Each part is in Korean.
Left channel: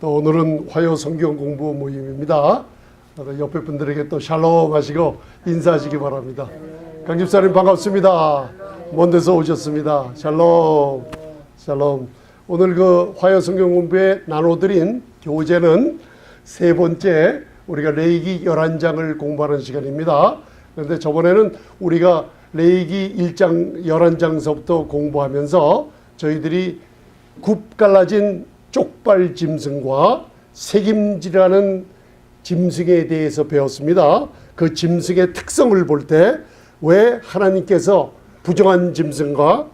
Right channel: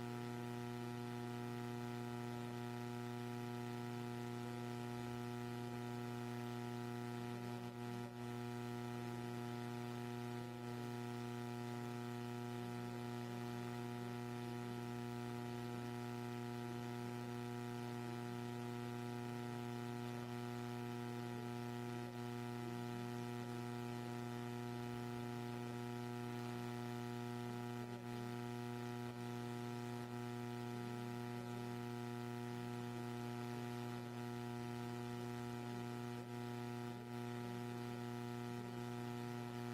또 오늘은 화요 성경 공부 모임입니다. 옆에 분들에게 또 샬롬 하시고 인사하시기 바랍니다. 강 집사님 반갑습니다. 먼 데서 오셨습니다. 샬롬. 샬롬. 오늘 그 화요 성경 공부에 나눠드린 교재는 세 번째 우리가 레위기 11장을 공부하는 시간입니다. 그런데 저번에는 우리가 레위기 1장 11장서부터 공부하면서 저희들이 굽 갈라진 쪽발 짐승과 새김질하는 짐승에 대해서 배웠습니다. 그 짐승의 특성을 볼 때 왜 하나님께서 부정한 짐승과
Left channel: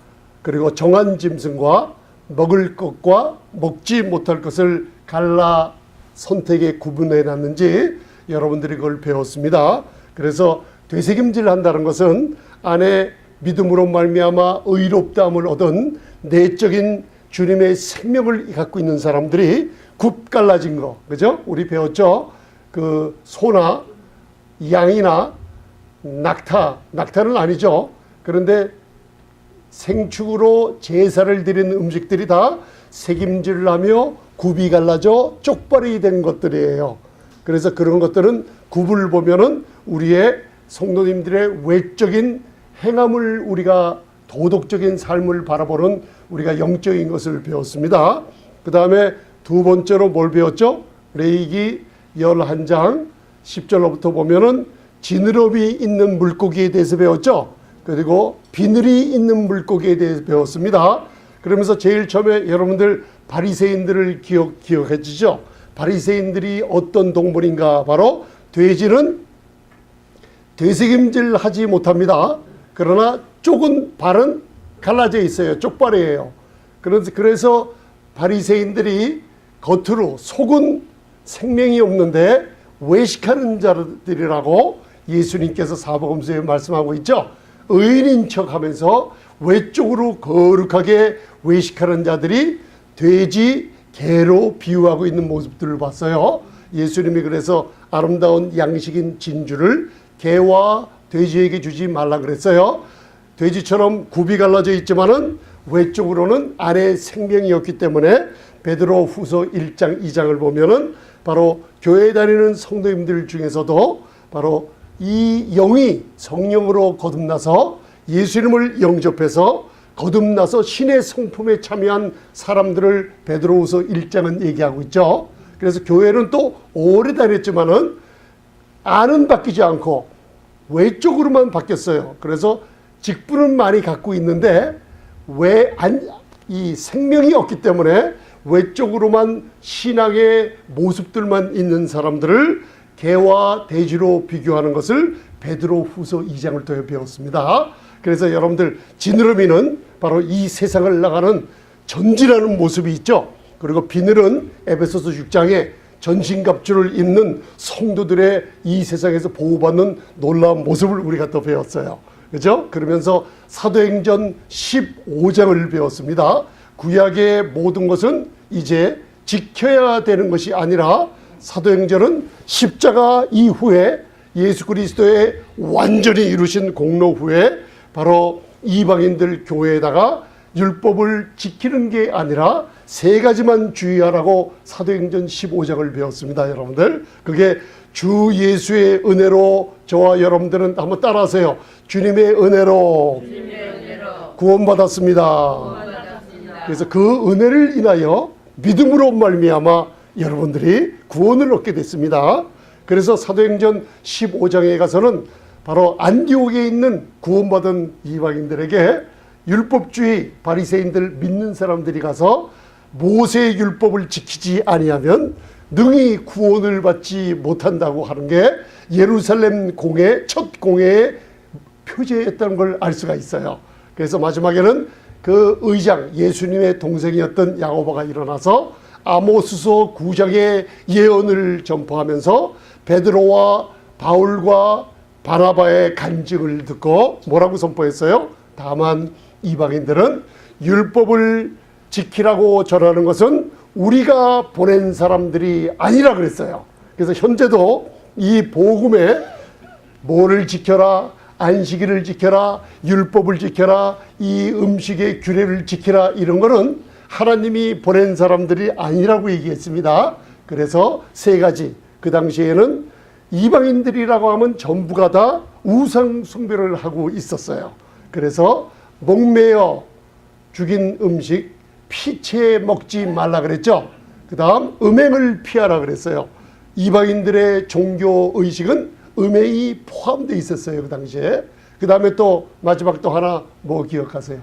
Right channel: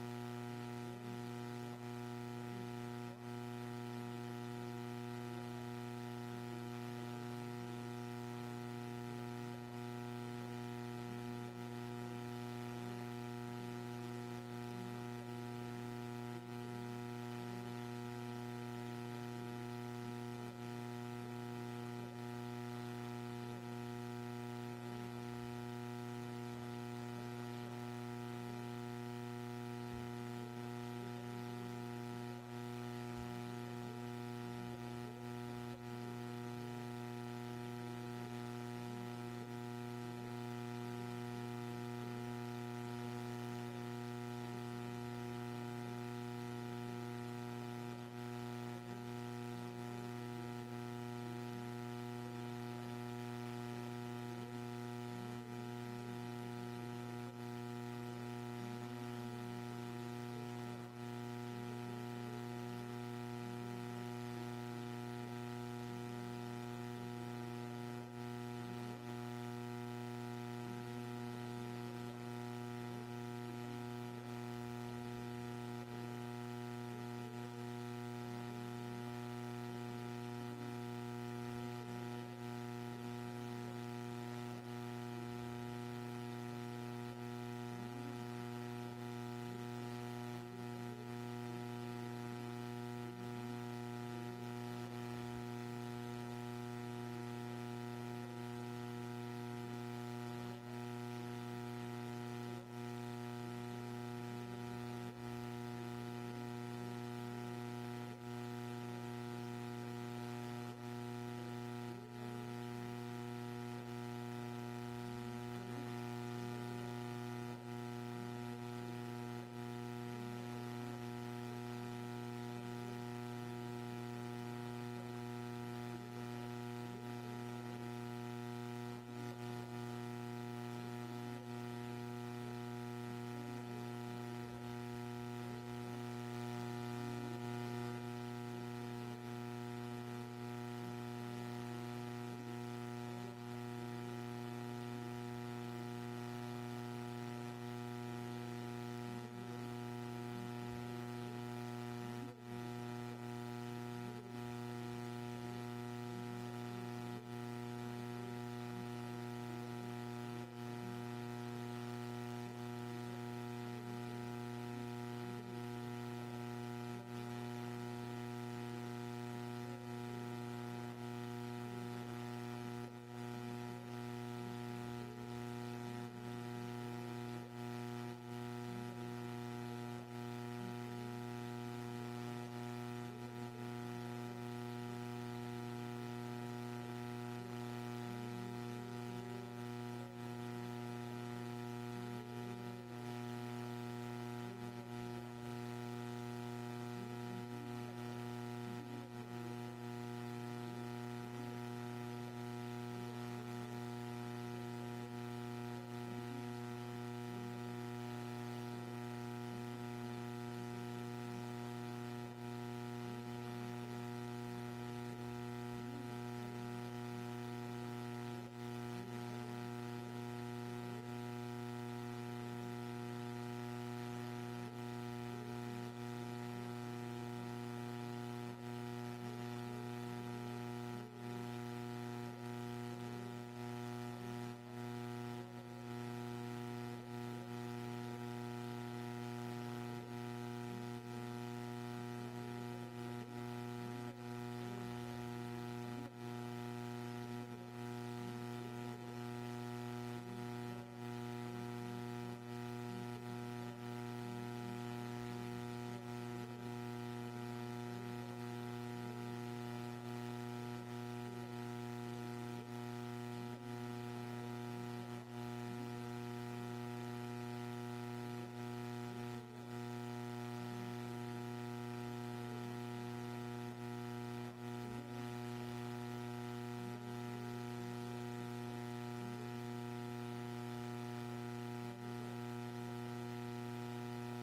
그리고 정한 짐승과 먹을 것과 먹지 못할 것을 갈라 선택에 구분해 놨는지 여러분들이 그걸 배웠습니다. 그래서 되새김질 한다는 것은 안에 믿음으로 말미암아 의롭다함을 얻은 내적인 주님의 생명을 갖고 있는 사람들이 굽 갈라진 거, 그죠? 우리 배웠죠? 그 소나 양이나 낙타는 아니죠. 그런데 생축으로 제사를 드리는 음식들이 다 새김질을 하며 굽이 갈라져 쪽발이 된 것들이에요. 그래서 그런 것들은 굽을 보면은 우리의 성도님들의 외적인 행함을 우리가 도덕적인 삶을 바라보는 우리가 영적인 것을 배웠습니다. 그 다음에 두 번째로 뭘 배웠죠? 레위기 11장 10절로부터 보면은 지느러미 있는 물고기에 대해서 배웠죠. 그리고 비늘이 있는 물고기에 대해서 배웠습니다. 그러면서 제일 처음에 여러분들 바리새인들을 기억해 주죠. 바리새인들이 어떤 동물인가? 바로 돼지는 되새김질 하지 못합니다. 그러나 쪽은 발은 갈라져 있어요. 쪽발이에요. 그래서 바리새인들이 겉으로 속은 생명이 없는데 외식하는 자들이라고 예수님께서 사복음서에 말씀하고 있죠. 의인인 척하면서 외적으로 거룩하게 외식하는 자들이 돼지, 개로 비유하고 있는 모습들을 봤어요. 예수님이 그래서 아름다운 양식인 진주를 개와 돼지에게 주지 말라 그랬어요. 돼지처럼 굽이 갈라져 있지만은 외적으로는 안에 생명이 없기 때문에 베드로 후서 1장 2장을 보면은 바로 교회 다니는 성도님들 중에서도 바로 이 영이 성령으로 거듭나서 예수님을 영접해서 거듭나서 신의 성품에 참여한 사람들을 베드로후서 1장은 얘기하고 있죠. 그래서 교회는 또 오래 다녔지만은 안은 바뀌지 않고 외적으로만 바뀌었어요. 그래서 직분은 많이 갖고 있는데 이 생명이 없기 때문에 외적으로만 신앙의 모습들만 있는 사람들을 개와 돼지로 비교하는 것을 베드로후서 2장을 통해 배웠습니다. 그래서 여러분들 지느러미는 바로 이 세상을 나가는 전진하는 모습이 있죠. 그리고 비늘은 에베소서 6장에 전신갑주를 입는 성도들의 이 세상에서 보호받는 놀라운 모습을 우리가 또 배웠어요. 그죠? 그러면서 사도행전 15장을 배웠습니다. 구약의 모든 것은 이제 지켜야 되는 것이 아니라 사도행전은 십자가 이후에 예수 그리스도의 완전히 이루신 공로 후에 바로 이방인들 교회에다가 율법을 지키는 게 아니라 세 가지만 주의하라고 사도행전 15장을 배웠습니다. 여러분들 그게 주 예수의 은혜로 저와 여러분들은 한번 따라하세요. 주님의 은혜로 구원받았습니다. 그래서 그 은혜를 인하여 믿음으로 말미암아 여러분들이 구원을 얻게 됐습니다. 그래서 사도행전 15장에 가서는 바로 안디옥에 있는 구원받은 이방인들에게 율법주의 바리새인들 믿는 사람들이 가서 모세의 율법을 지키지 아니하면 능히 구원을 받지 못한다고 하는 게 예루살렘 공회 첫 공회의 표제였다는 걸 알 수가 있어요. 그래서 마지막에는 그 의장 예수님의 동생이었던 야고보가 일어나서 아모스서 9장의 예언을 전파하면서 베드로와 바울과 바나바의 간증을 듣고 뭐라고 선포했어요? 다만 이방인들은 율법을 지키라고 전하는 것은 우리가 보낸 사람들이 아니라 그랬어요. 그래서 현재도 이 복음에 뭐를 지켜라, 안식일을 지켜라, 율법을 지켜라, 이 음식의 규례를 지키라 이런 거는 하나님이 보낸 사람들이 아니라고 얘기했습니다. 그래서 세 가지. 그 당시에는 이방인들이라고 하면 전부가 다 우상 숭배를 하고 있었어요. 그래서 목매어 죽인 음식 피채 먹지 말라 그랬죠. 그 다음 음행을 피하라 그랬어요. 이방인들의 종교 의식은 음행이 포함되어 있었어요, 그 당시에. 그 다음에 또 마지막 또 하나 뭐 기억하세요?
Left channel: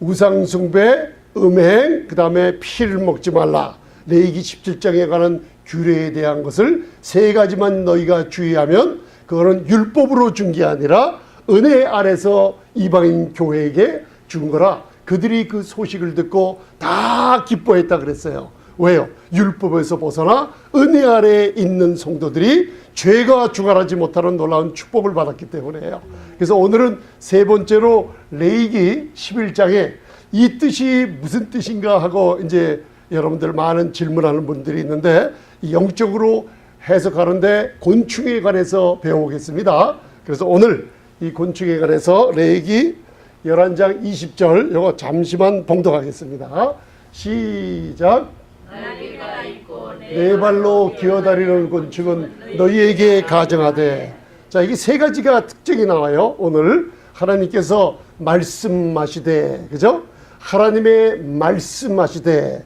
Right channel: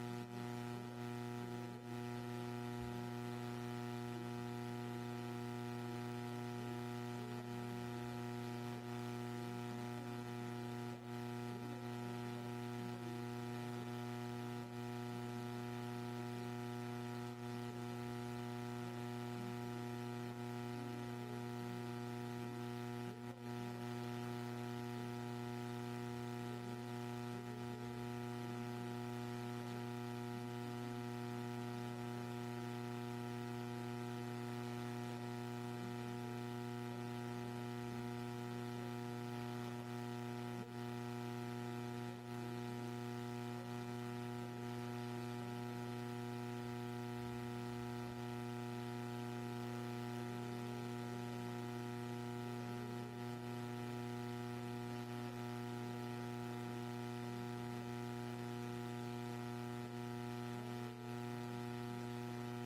우상 숭배, 음행, 그 다음에 피를 먹지 말라. 레위기 17장에 관한 규례에 대한 것을 세 가지만 너희가 주의하면 그거는 율법으로 준 게 아니라 은혜 아래서 이방인 교회에게 준 거라. 그들이 그 소식을 듣고 다 기뻐했다 그랬어요. 왜요? 율법에서 벗어나 은혜 아래에 있는 성도들이 죄가 주관하지 못하는 놀라운 축복을 받았기 때문에요. 그래서 오늘은 세 번째로 레위기 11장에 이 뜻이 무슨 뜻인가 하고 이제 여러분들 많은 질문하는 분들이 있는데 영적으로 해석하는데 곤충에 관해서 배워보겠습니다. 그래서 오늘 이 곤충에 관해서 레위기 11장 20절 이거 잠시만 봉독하겠습니다. 시작. 네 발로 기어다니는 곤충은 너희에게 가정하되. 자, 이게 세 가지가 특징이 나와요. 오늘 하나님께서 말씀하시되, 그죠? 하나님의 말씀하시되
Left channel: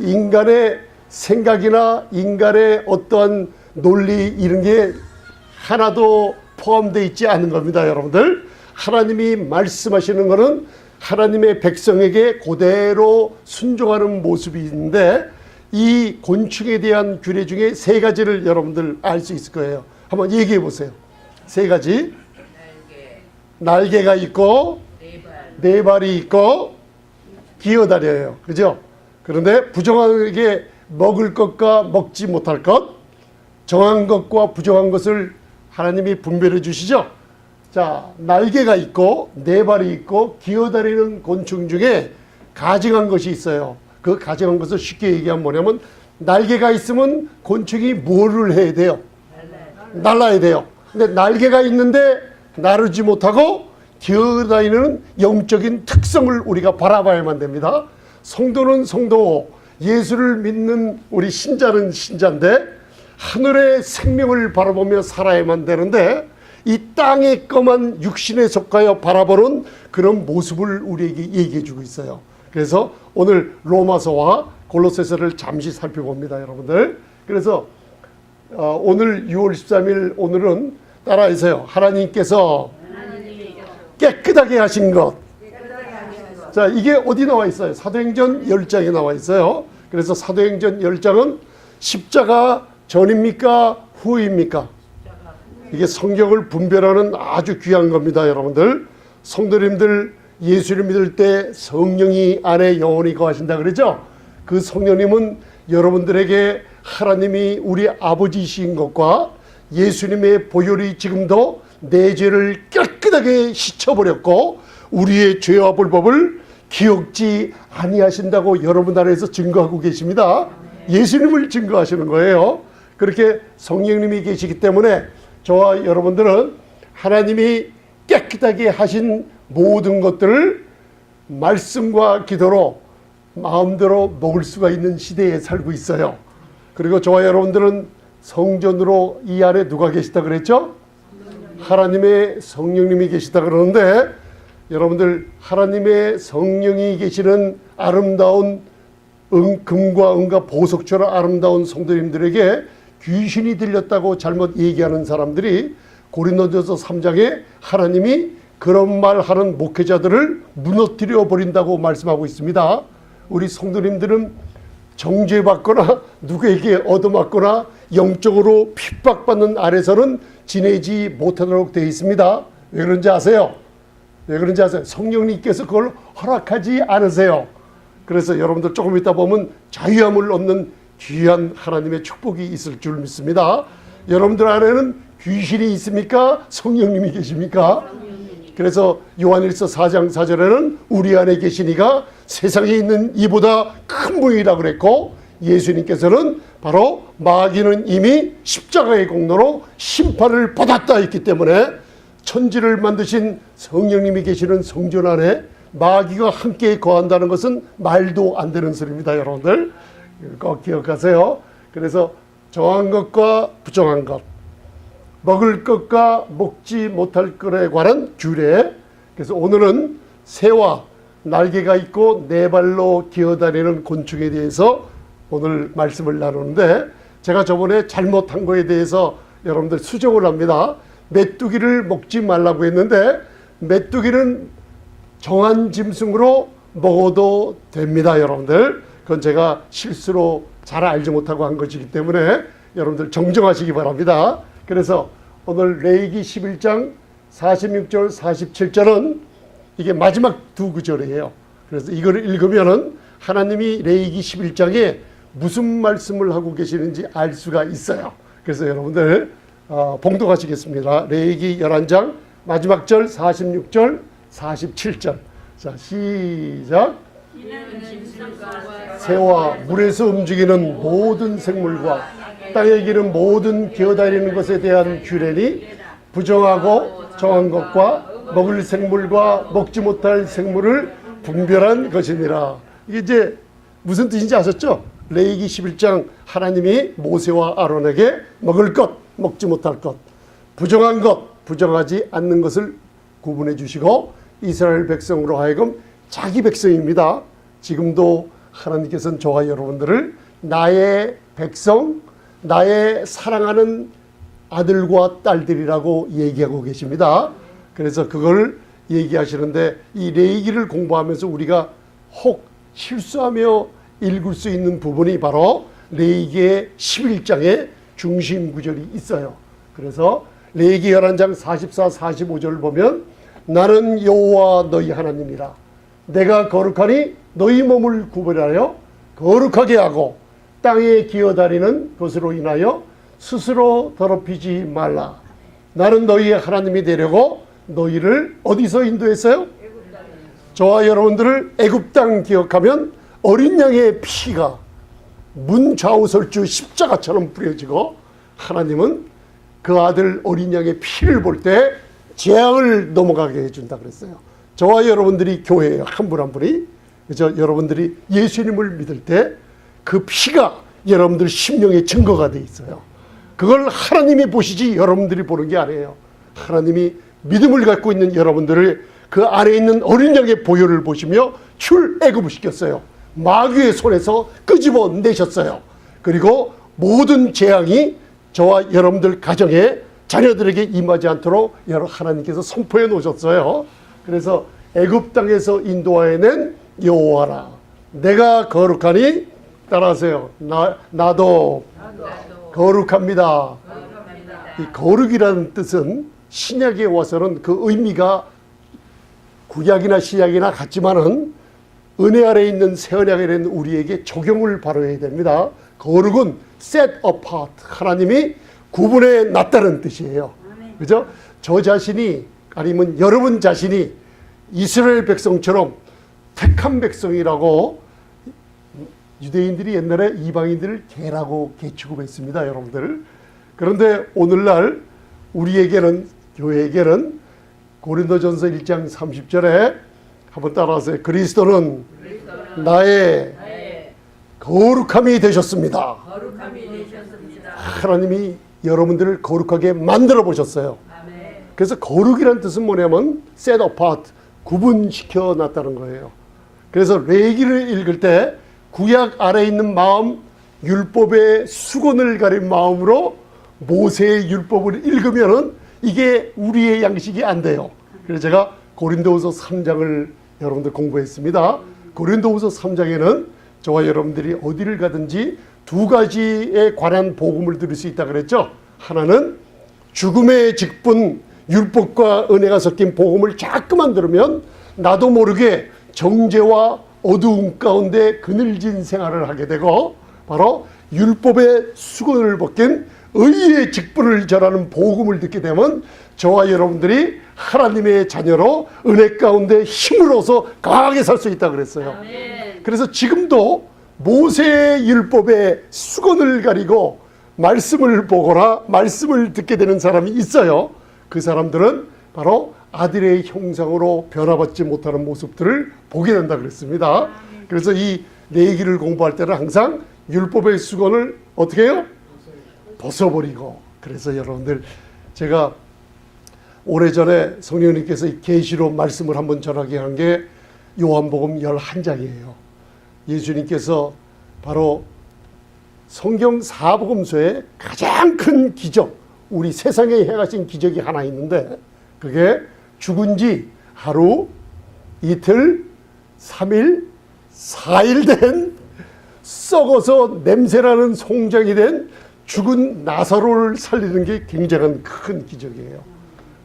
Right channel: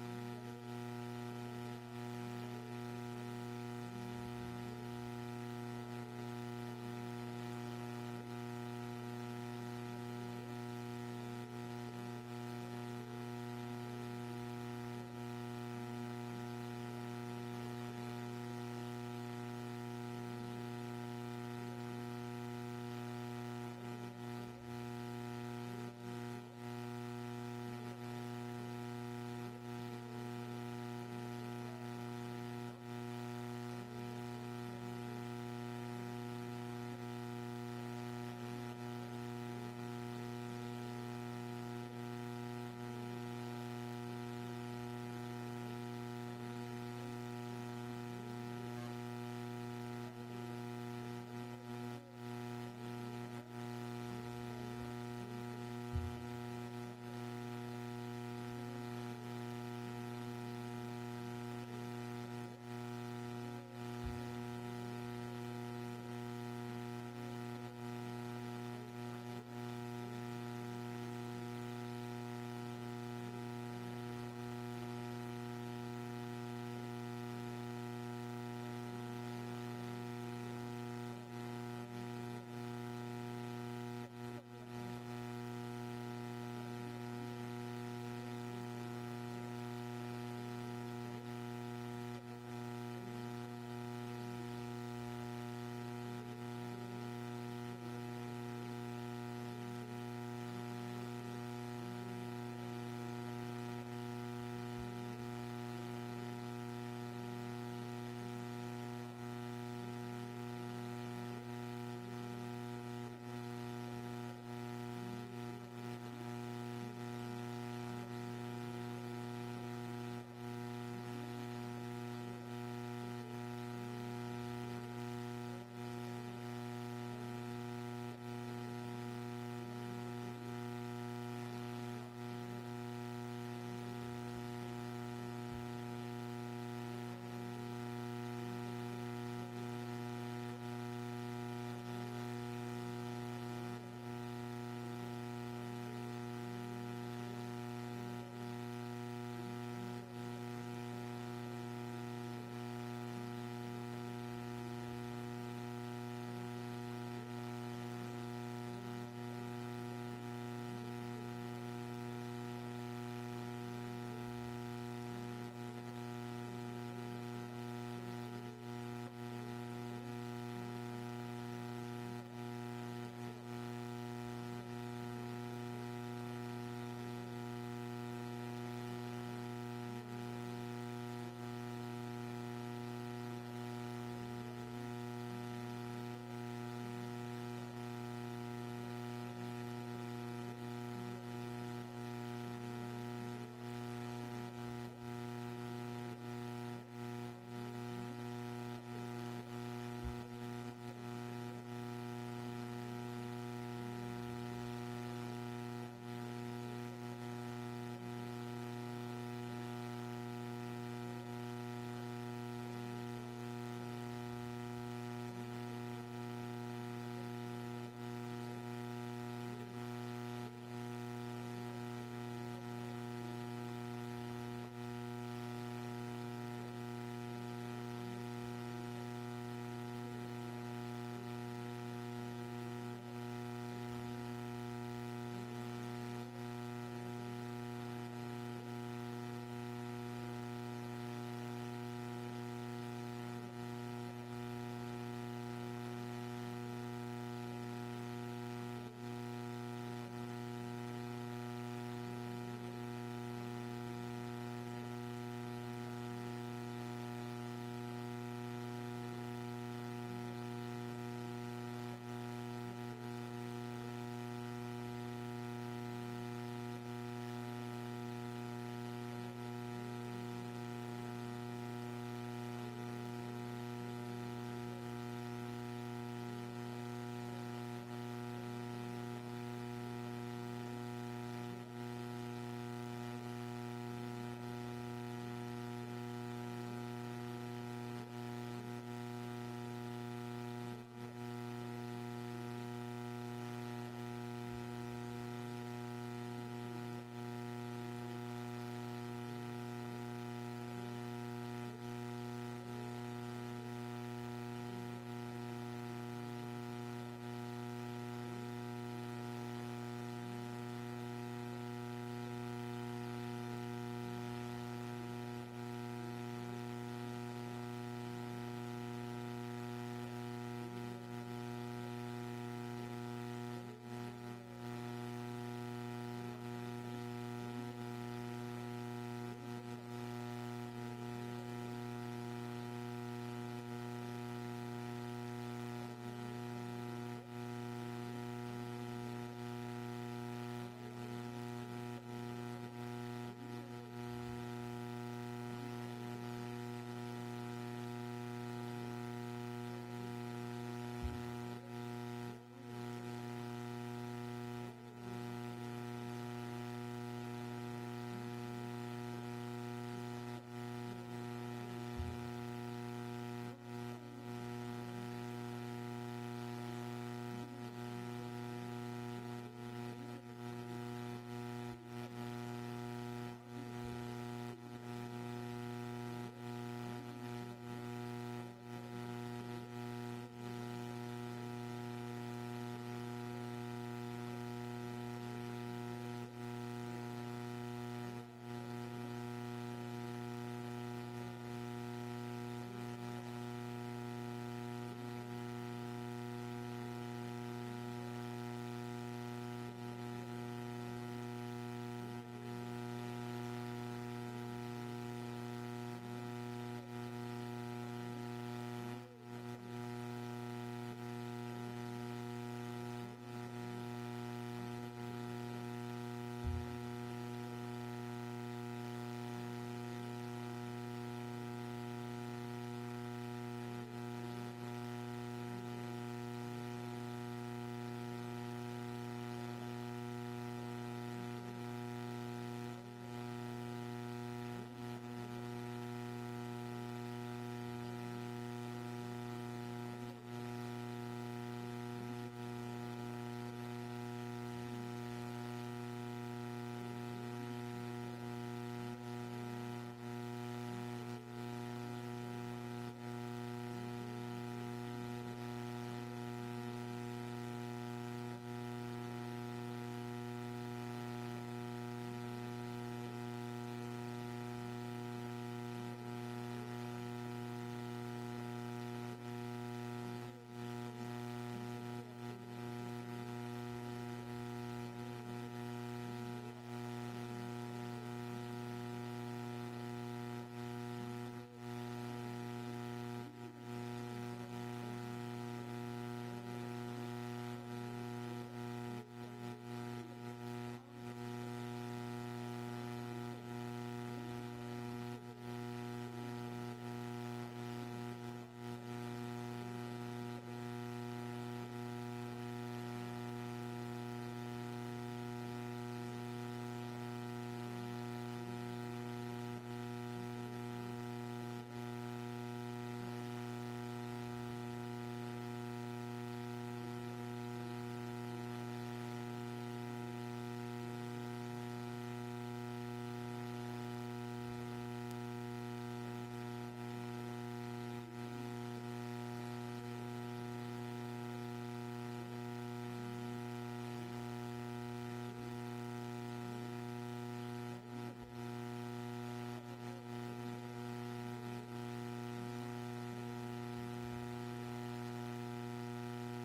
인간의 생각이나 인간의 어떠한 논리 이런 게 하나도 포함되어 있지 않은 겁니다, 여러분들. 하나님이 말씀하시는 것은 하나님의 백성에게 그대로 순종하는 모습이 있는데 이 곤충에 대한 규례 중에 세 가지를 여러분들 알 수 있을 거예요. 한번 얘기해 보세요. 세 가지. 날개가 있고 네 발이 있고 기어다녀요. 그죠? 그런데 부정하게 먹을 것과 먹지 못할 것, 정한 것과 부정한 것을 하나님이 분별해 주시죠. 자, 날개가 있고 네 발이 있고 기어다니는 곤충 중에 가증한 것이 있어요. 그 가증한 것을 쉽게 얘기하면 뭐냐면 날개가 있으면 곤충이 뭐를 해야 돼요? 날아야 돼요. 근데 날개가 있는데 나르지 못하고 기어다니는 영적인 특성을 우리가 바라봐야만 됩니다. 성도는 성도, 예수를 믿는 우리 신자는 신자인데 하늘의 생명을 바라보며 살아야만 되는데 이 땅의 검한 육신에 속하여 바라보는 그런 모습을 우리에게 얘기해 주고 있어요. 그래서 오늘 로마서와 골로새서를 잠시 살펴봅니다, 여러분들. 그래서 오늘 6월 13일 오늘은 따라하세요. 하나님께서 깨끗하게 하신 것. 자, 이게 어디 나와 있어요? 사도행전 10장에 나와 있어요. 그래서 사도행전 10장은 십자가 전입니까? 후입니까? 이게 성경을 분별하는 아주 귀한 겁니다, 여러분들. 성도님들 예수를 믿을 때 성령이 안에 영원히 거하신다 그러죠? 그 성령님은 여러분들에게 하나님이 우리 아버지이신 것과 예수님의 보혈이 지금도 내 죄를 깨끗하게 씻어버렸고 우리의 죄와 불법을 기억지 아니하신다고 여러분 안에서 증거하고 계십니다. 예수님을 증거하시는 거예요. 그렇게 성령님이 계시기 때문에 저와 여러분들은 하나님이 깨끗하게 하신 모든 것들을 말씀과 기도로 마음대로 먹을 수가 있는 시대에 살고 있어요. 그리고 저와 여러분들은 성전으로 이 안에 누가 계시다 그랬죠? 하나님의 성령님이 계시다 그러는데 여러분들 하나님의 성령이 계시는 아름다운 금과 은과 보석처럼 아름다운 성도님들에게 귀신이 들렸다고 잘못 얘기하는 사람들이 고린도전서 3장에 하나님이 그런 말하는 목회자들을 무너뜨려 버린다고 말씀하고 있습니다. 우리 성도님들은 정죄받거나 누구에게 얻어맞거나 영적으로 핍박받는 아래서는 지내지 못하도록 되어 있습니다. 왜 그런지 아세요? 왜 그런지 아세요? 성령님께서 그걸 허락하지 않으세요. 그래서 여러분들 조금 있다 보면 자유함을 얻는 귀한 하나님의 축복이 있을 줄 믿습니다. 여러분들 안에는 귀신이 있습니까? 성령님이 계십니까? 그래서 요한일서 4장 4절에는 우리 안에 계신 이가 세상에 있는 이보다 큰 분이라고 그랬고 예수님께서는 바로 마귀는 이미 십자가의 공로로 심판을 받았다 했기 때문에 천지를 만드신 성령님이 계시는 성전 안에 마귀가 함께 거한다는 것은 말도 안 되는 소리입니다. 여러분들 꼭 기억하세요. 그래서 정한 것과 부정한 것, 먹을 것과 먹지 못할 것에 관한 규례. 그래서 오늘은 새와 날개가 있고 네 발로 기어다니는 곤충에 대해서 오늘 말씀을 나누는데, 제가 저번에 잘못한 거에 대해서 여러분들 수정을 합니다. 메뚜기를 먹지 말라고 했는데 메뚜기는 정한 짐승으로 먹어도 됩니다. 여러분들 그건 제가 실수로 잘 알지 못하고 한 것이기 때문에 여러분들 정정하시기 바랍니다. 그래서 오늘 레위기 11장 46절 47절은 이게 마지막 두 구절이에요. 그래서 이걸 읽으면은 하나님이 레위기 11장에 무슨 말씀을 하고 계시는지 알 수가 있어요. 그래서 여러분들 봉독하시겠습니다. 레위기 11장 마지막 절 46절 47절. 자, 시작. 새와 물에서 움직이는 모든 생물과 땅에 기는 모든 기어다니는 것에 대한 규례니 부정하고 정한 것과 먹을 생물과 먹지 못할 생물을 분별한 것이니라. 이게 이제 무슨 뜻인지 아셨죠? 레위기 11장 하나님이 모세와 아론에게 먹을 것, 먹지 못할 것, 부정한 것, 부정하지 않는 것을 구분해 주시고 이스라엘 백성으로 하여금 자기 백성입니다. 지금도 하나님께서는 저와 여러분들을 나의 백성, 나의 사랑하는 아들과 딸들이라고 얘기하고 계십니다. 그래서 그걸 얘기하시는데 이 레위기를 공부하면서 우리가 혹 실수하며 읽을 수 있는 부분이 바로 레위기의 11장의 중심 구절이 있어요. 그래서 레위기 11장 44, 45절을 보면 나는 여호와 너희 하나님이라. 내가 거룩하니 너희 몸을 구별하여 거룩하게 하고 땅에 기어다니는 것으로 인하여 스스로 더럽히지 말라. 나는 너희의 하나님이 되려고 너희를 어디서 인도했어요? 저와 여러분들을 애굽 땅 기억하면 어린 양의 피가 문 좌우설주 십자가처럼 뿌려지고 하나님은 그 아들 어린 양의 피를 볼 때 재앙을 넘어가게 해준다 그랬어요. 저와 여러분들이 교회에 한 분 한 분이 그래서 여러분들이 예수님을 믿을 때 그 피가 여러분들 심령의 증거가 돼 있어요. 그걸 하나님이 보시지 여러분들이 보는 게 아니에요. 하나님이 믿음을 갖고 있는 여러분들을 그 안에 있는 어린 양의 보혈을 보시며 출애굽을 시켰어요. 마귀의 손에서 끄집어 내셨어요. 그리고 모든 재앙이 저와 여러분들 가정에 자녀들에게 임하지 않도록 하나님께서 선포해 놓으셨어요. 그래서 애굽 땅에서 인도하여낸 여호와라. 내가 거룩하니 따라하세요. 나도 거룩합니다. 이 거룩이라는 뜻은 신약에 와서는 그 의미가 구약이나 신약이나 같지만은 은혜 아래 있는 새 언약에 있는 우리에게 적용을 바로 해야 됩니다. 거룩은 set apart, 하나님이 구분해 놨다는 뜻이에요. 그죠? 저 자신이 아니면 여러분 자신이 이스라엘 백성처럼 택한 백성이라고 유대인들이 옛날에 이방인들을 개라고 개취급했습니다. 여러분들. 그런데 오늘날 우리에게는 교회에게는 고린도전서 1장 30절에 한번 따라하세요. 그리스도는 나의 거룩함이 되셨습니다. 하나님이 여러분들을 거룩하게 만들어 보셨어요. 그래서 거룩이라는 뜻은 뭐냐면 set apart, 구분시켜 놨다는 거예요. 그래서 레위기를 읽을 때 구약 아래에 있는 마음, 율법의 수건을 가린 마음으로 모세의 율법을 읽으면은 이게 우리의 양식이 안 돼요. 그래서 제가 고린도후서 3장을 여러분들 공부했습니다. 고린도후서 3장에는 저와 여러분들이 어디를 가든지 두 가지에 관한 복음을 들을 수 있다 그랬죠. 하나는 죽음의 직분, 율법과 은혜가 섞인 복음을 자꾸만 들으면 나도 모르게 정죄와 어두움 가운데 그늘진 생활을 하게 되고, 바로 율법의 수건을 벗긴 의의 직분을 전하는 복음을 듣게 되면 저와 여러분들이 하나님의 자녀로 은혜 가운데 힘을 얻어서 강하게 살 수 있다 그랬어요. 그래서 지금도 모세의 율법의 수건을 가리고 말씀을 보거나 말씀을 듣게 되는 사람이 있어요. 그 사람들은 바로 아들의 형상으로 변화받지 못하는 모습들을 보게 된다 그랬습니다. 그래서 이 레위기를 공부할 때는 항상 율법의 수건을 어떻게 해요? 벗어버리고. 그래서 여러분들, 제가 오래전에 성령님께서 계시로 말씀을 한번 전하게 한 게 요한복음 11장이에요. 예수님께서 바로 성경 사복음서의 가장 큰 기적, 우리 세상에 행하신 기적이 하나 있는데, 그게 죽은 지 하루, 이틀, 3일, 4일 된 썩어서 냄새나는 송장이 된 죽은 나사로를 살리는 게 굉장한 큰 기적이에요.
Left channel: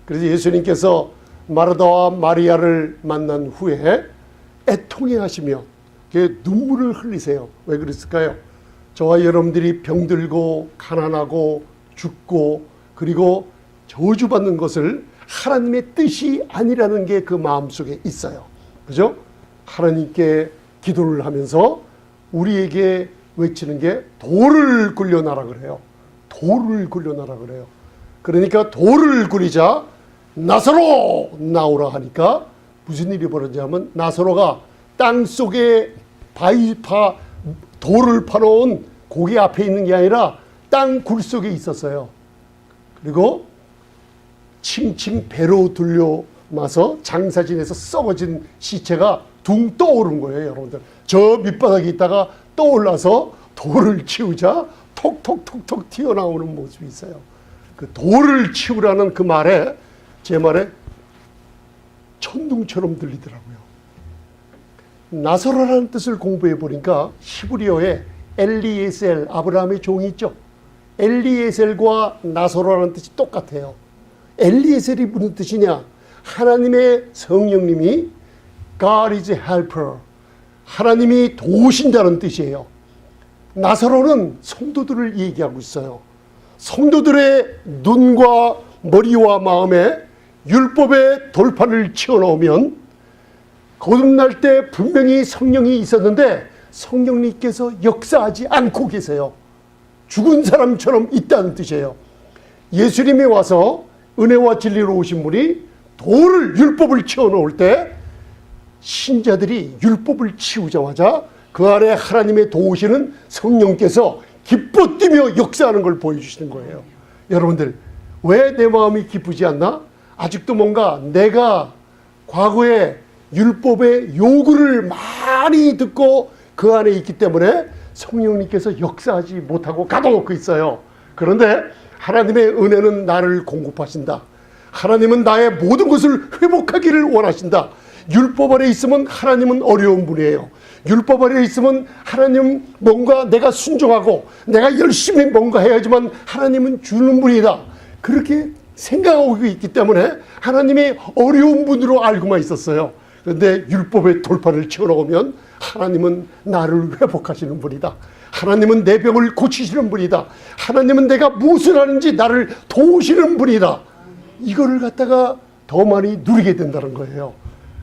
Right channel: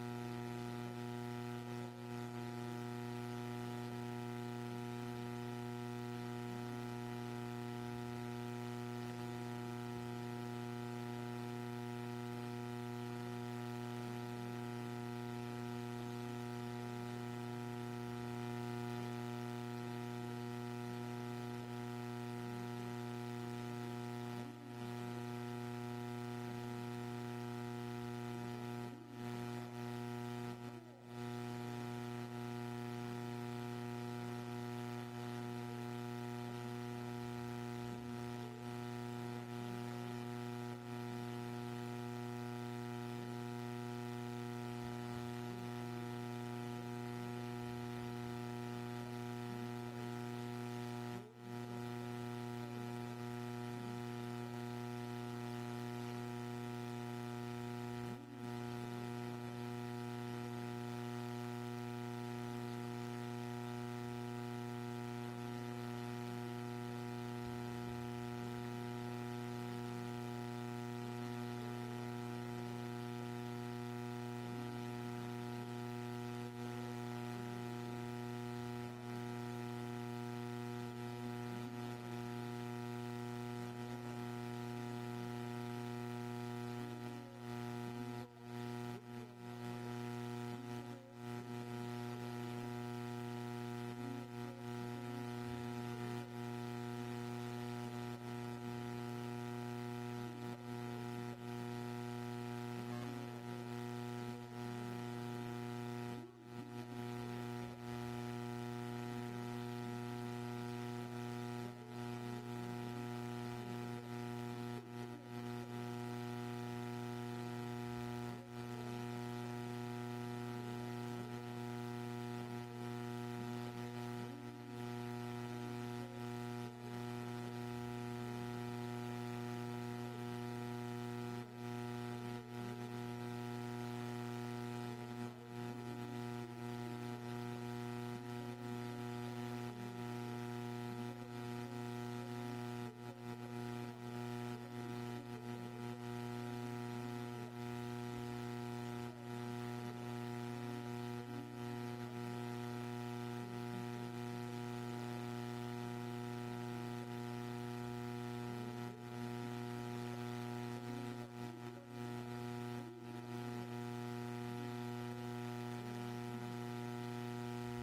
그래서 예수님께서 마르다와 마리아를 만난 후에 애통해 하시며 눈물을 흘리세요. 왜 그랬을까요? 저와 여러분들이 병들고 가난하고 죽고 그리고 저주받는 것을 하나님의 뜻이 아니라는 게 그 마음속에 있어요. 그죠? 하나님께 기도를 하면서 우리에게 외치는 게 돌을 굴려놔라 그래요. 돌을 굴려놔라 그래요. 그러니까 돌을 굴리자 나사로 나오라 하니까 무슨 일이 벌어지냐면, 나사로가 땅속에 돌을 파놓은 고기 앞에 있는 게 아니라 땅 굴 속에 있었어요. 그리고 칭칭 배로 들려마서 장사진에서 썩어진 시체가 둥 떠오른 거예요. 여러분들, 저 밑바닥에 있다가 떠올라서 돌을 치우자 톡톡톡톡 튀어나오는 모습이 있어요. 그 돌을 치우라는 그 말에, 제 말에 천둥처럼 들리더라고요. 나사로라는 뜻을 공부해 보니까 히브리어에 엘리에셀, 아브라함의 종이 있죠. 엘리에셀과 나사로라는 뜻이 똑같아요. 엘리에셀이 무슨 뜻이냐? 하나님의 성령님이 God is a helper, 하나님이 도우신다는 뜻이에요. 나사로는 성도들을 얘기하고 있어요. 성도들의 눈과 머리와 마음에 율법의 돌판을 치워놓으면 거듭날 때 분명히 성령이 있었는데 성령님께서 역사하지 않고 계세요. 죽은 사람처럼 있다는 뜻이에요. 예수님이 와서 은혜와 진리로 오신 분이 율법을 치워놓을 때 신자들이 율법을 치우자마자 그 안에 하나님의 도우시는 성령께서 기뻐 뛰며 역사하는 걸 보여주시는 거예요. 여러분들, 왜 내 마음이 기쁘지 않나? 아직도 뭔가 내가 과거에 율법의 요구를 많이 듣고 그 안에 있기 때문에 성령님께서 역사하지 못하고 가둬놓고 있어요. 그런데 하나님의 은혜는 나를 공급하신다. 하나님은 나의 모든 것을 회복하기를 원하신다. 율법 아래 있으면 하나님은 어려운 분이에요. 율법 아래 있으면 하나님 뭔가 내가 순종하고 내가 열심히 뭔가 해야지만 하나님은 주는 분이다. 그렇게 생각하고 있기 때문에 하나님의 어려운 분으로 알고만 있었어요. 그런데 율법의 돌판을 치워놓으면 하나님은 나를 회복하시는 분이다. 하나님은 내 병을 고치시는 분이다. 하나님은 내가 무엇을 하는지 나를 도우시는 분이다. 이거를 갖다가 더 많이 누리게 된다는 거예요.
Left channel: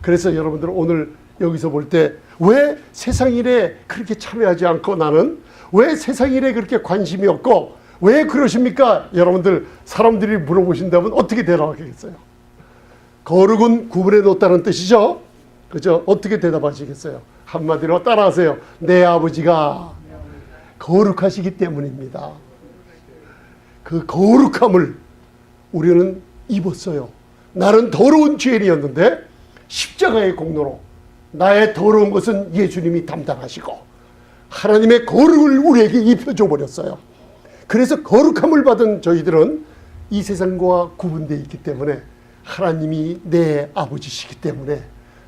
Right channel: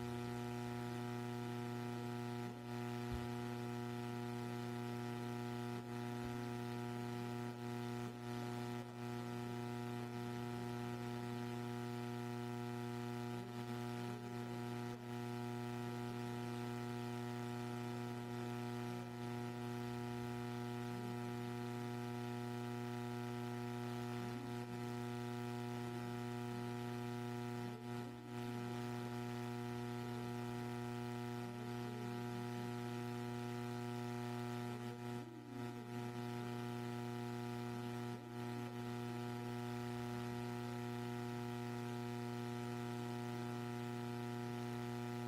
그래서 여러분들, 오늘 여기서 볼 때 왜 세상 일에 그렇게 참여하지 않고 나는 왜 세상 일에 그렇게 관심이 없고 왜 그러십니까? 여러분들, 사람들이 물어보신다면 어떻게 대답하겠어요? 거룩은 구분해 놓다는 뜻이죠. 그죠? 어떻게 대답하시겠어요? 한마디로 따라하세요. 내 아버지가 거룩하시기 때문입니다. 그 거룩함을 우리는 입었어요. 나는 더러운 죄인이었는데 십자가의 공로로 나의 더러운 것은 예수님이 담당하시고 하나님의 거룩을 우리에게 입혀줘 버렸어요. 그래서 거룩함을 받은 저희들은 이 세상과 구분되어 있기 때문에 하나님이 내 아버지시기 때문에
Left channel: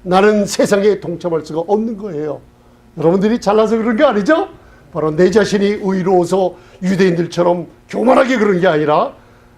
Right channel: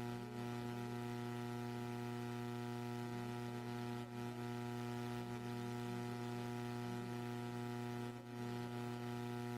나는 세상에 동참할 수가 없는 거예요. 여러분들이 잘나서 그런 게 아니죠? 바로 내 자신이 의로워서 유대인들처럼 교만하게 그런 게 아니라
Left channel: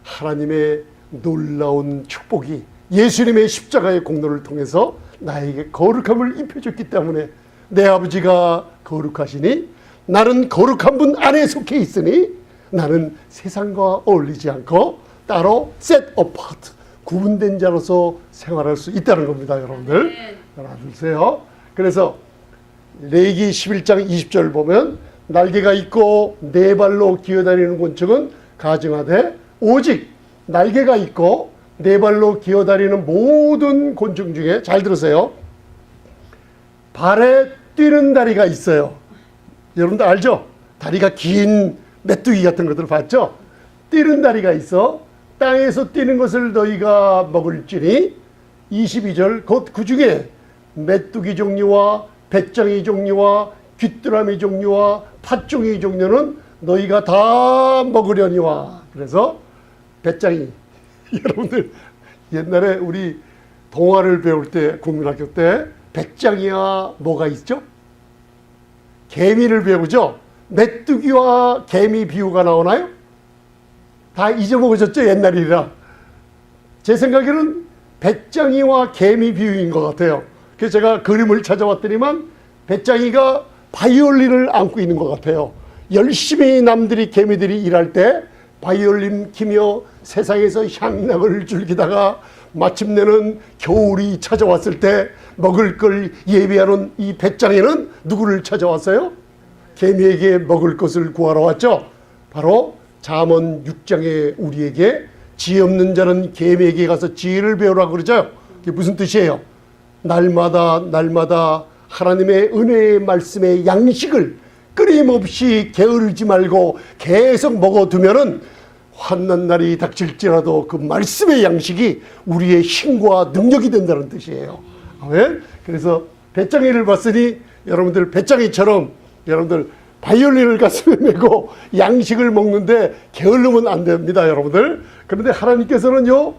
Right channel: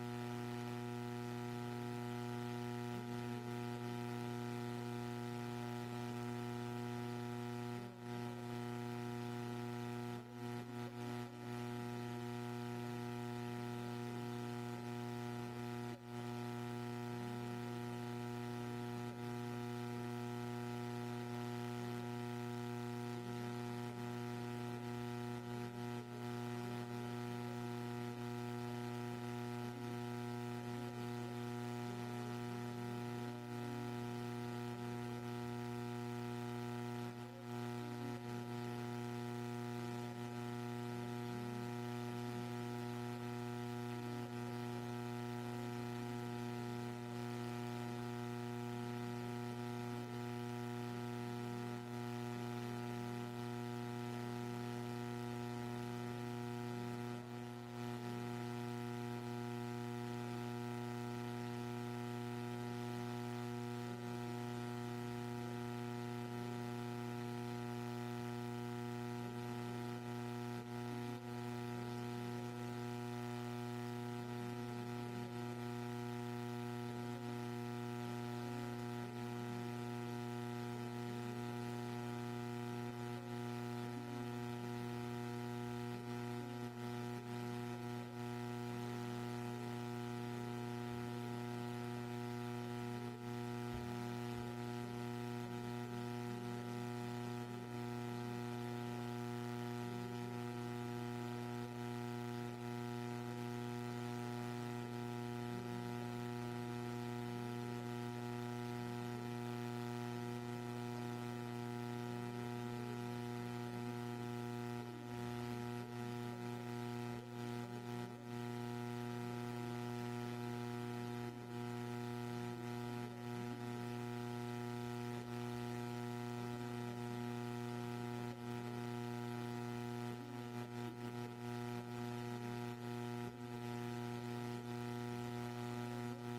하나님의 놀라운 축복이 예수님의 십자가의 공로를 통해서 나에게 거룩함을 입혀줬기 때문에 내 아버지가 거룩하시니 나는 거룩한 분 안에 속해 있으니 나는 세상과 어울리지 않고 따로 set apart, 구분된 자로서 생활할 수 있다는 겁니다. 여러분들 알아두세요. 그래서 레위기 11장 20절 보면 날개가 있고 네 발로 기어다니는 곤충은 가증하되 오직 날개가 있고 네 발로 기어다니는 모든 곤충 중에, 잘 들으세요, 발에 뛰는 다리가 있어요. 여러분들 알죠? 다리가 긴 메뚜기 같은 것들 봤죠? 뛰는 다리가 있어. 땅에서 뛰는 것을 너희가 먹을지니, 22절, 곧 그 중에 메뚜기 종류와 배짱이 종류와 귀뚜라미 종류와 팥종이 종류는 너희가 다 먹으려니와. 그래서 배짱이, 여러분들 옛날에 우리 동화를 배울 때, 국민학교 때 배짱이와 뭐가 있죠? 개미를 배우죠. 메뚜기와 개미 비유가 나오나요? 다 잊어먹으셨죠? 옛날이라. 제 생각에는 배짱이와 개미 비유인 것 같아요. 그래서 제가 그림을 찾아왔더니만 배짱이가 바이올린을 안고 있는 것 같아요. 열심히 남들이, 개미들이 일할 때 바이올린 키며 세상에서 향락을 즐기다가 마침내는 겨울이 찾아왔을 때 먹을 걸 예비하는 이 배짱이는 누구를 찾아왔어요? 개미에게 먹을 것을 구하러 왔죠. 바로 잠언 6장에 우리에게 지혜 없는 자는 개미에게 가서 지혜를 배우라고 그러죠. 그게 무슨 뜻이에요? 날마다 날마다 하나님의 은혜의 말씀의 양식을 끊임없이 게으르지 말고 계속 먹어두면은 환난 날이 닥칠지라도 그 말씀의 양식이 우리의 힘과 능력이 된다는 뜻이에요. 아멘. 그래서 배짱이를 봤으니 여러분들 배짱이처럼 여러분들 바이올린을 가슴에 메고 양식을 먹는데 게으르면 안 됩니다, 여러분들. 그런데 하나님께서는요,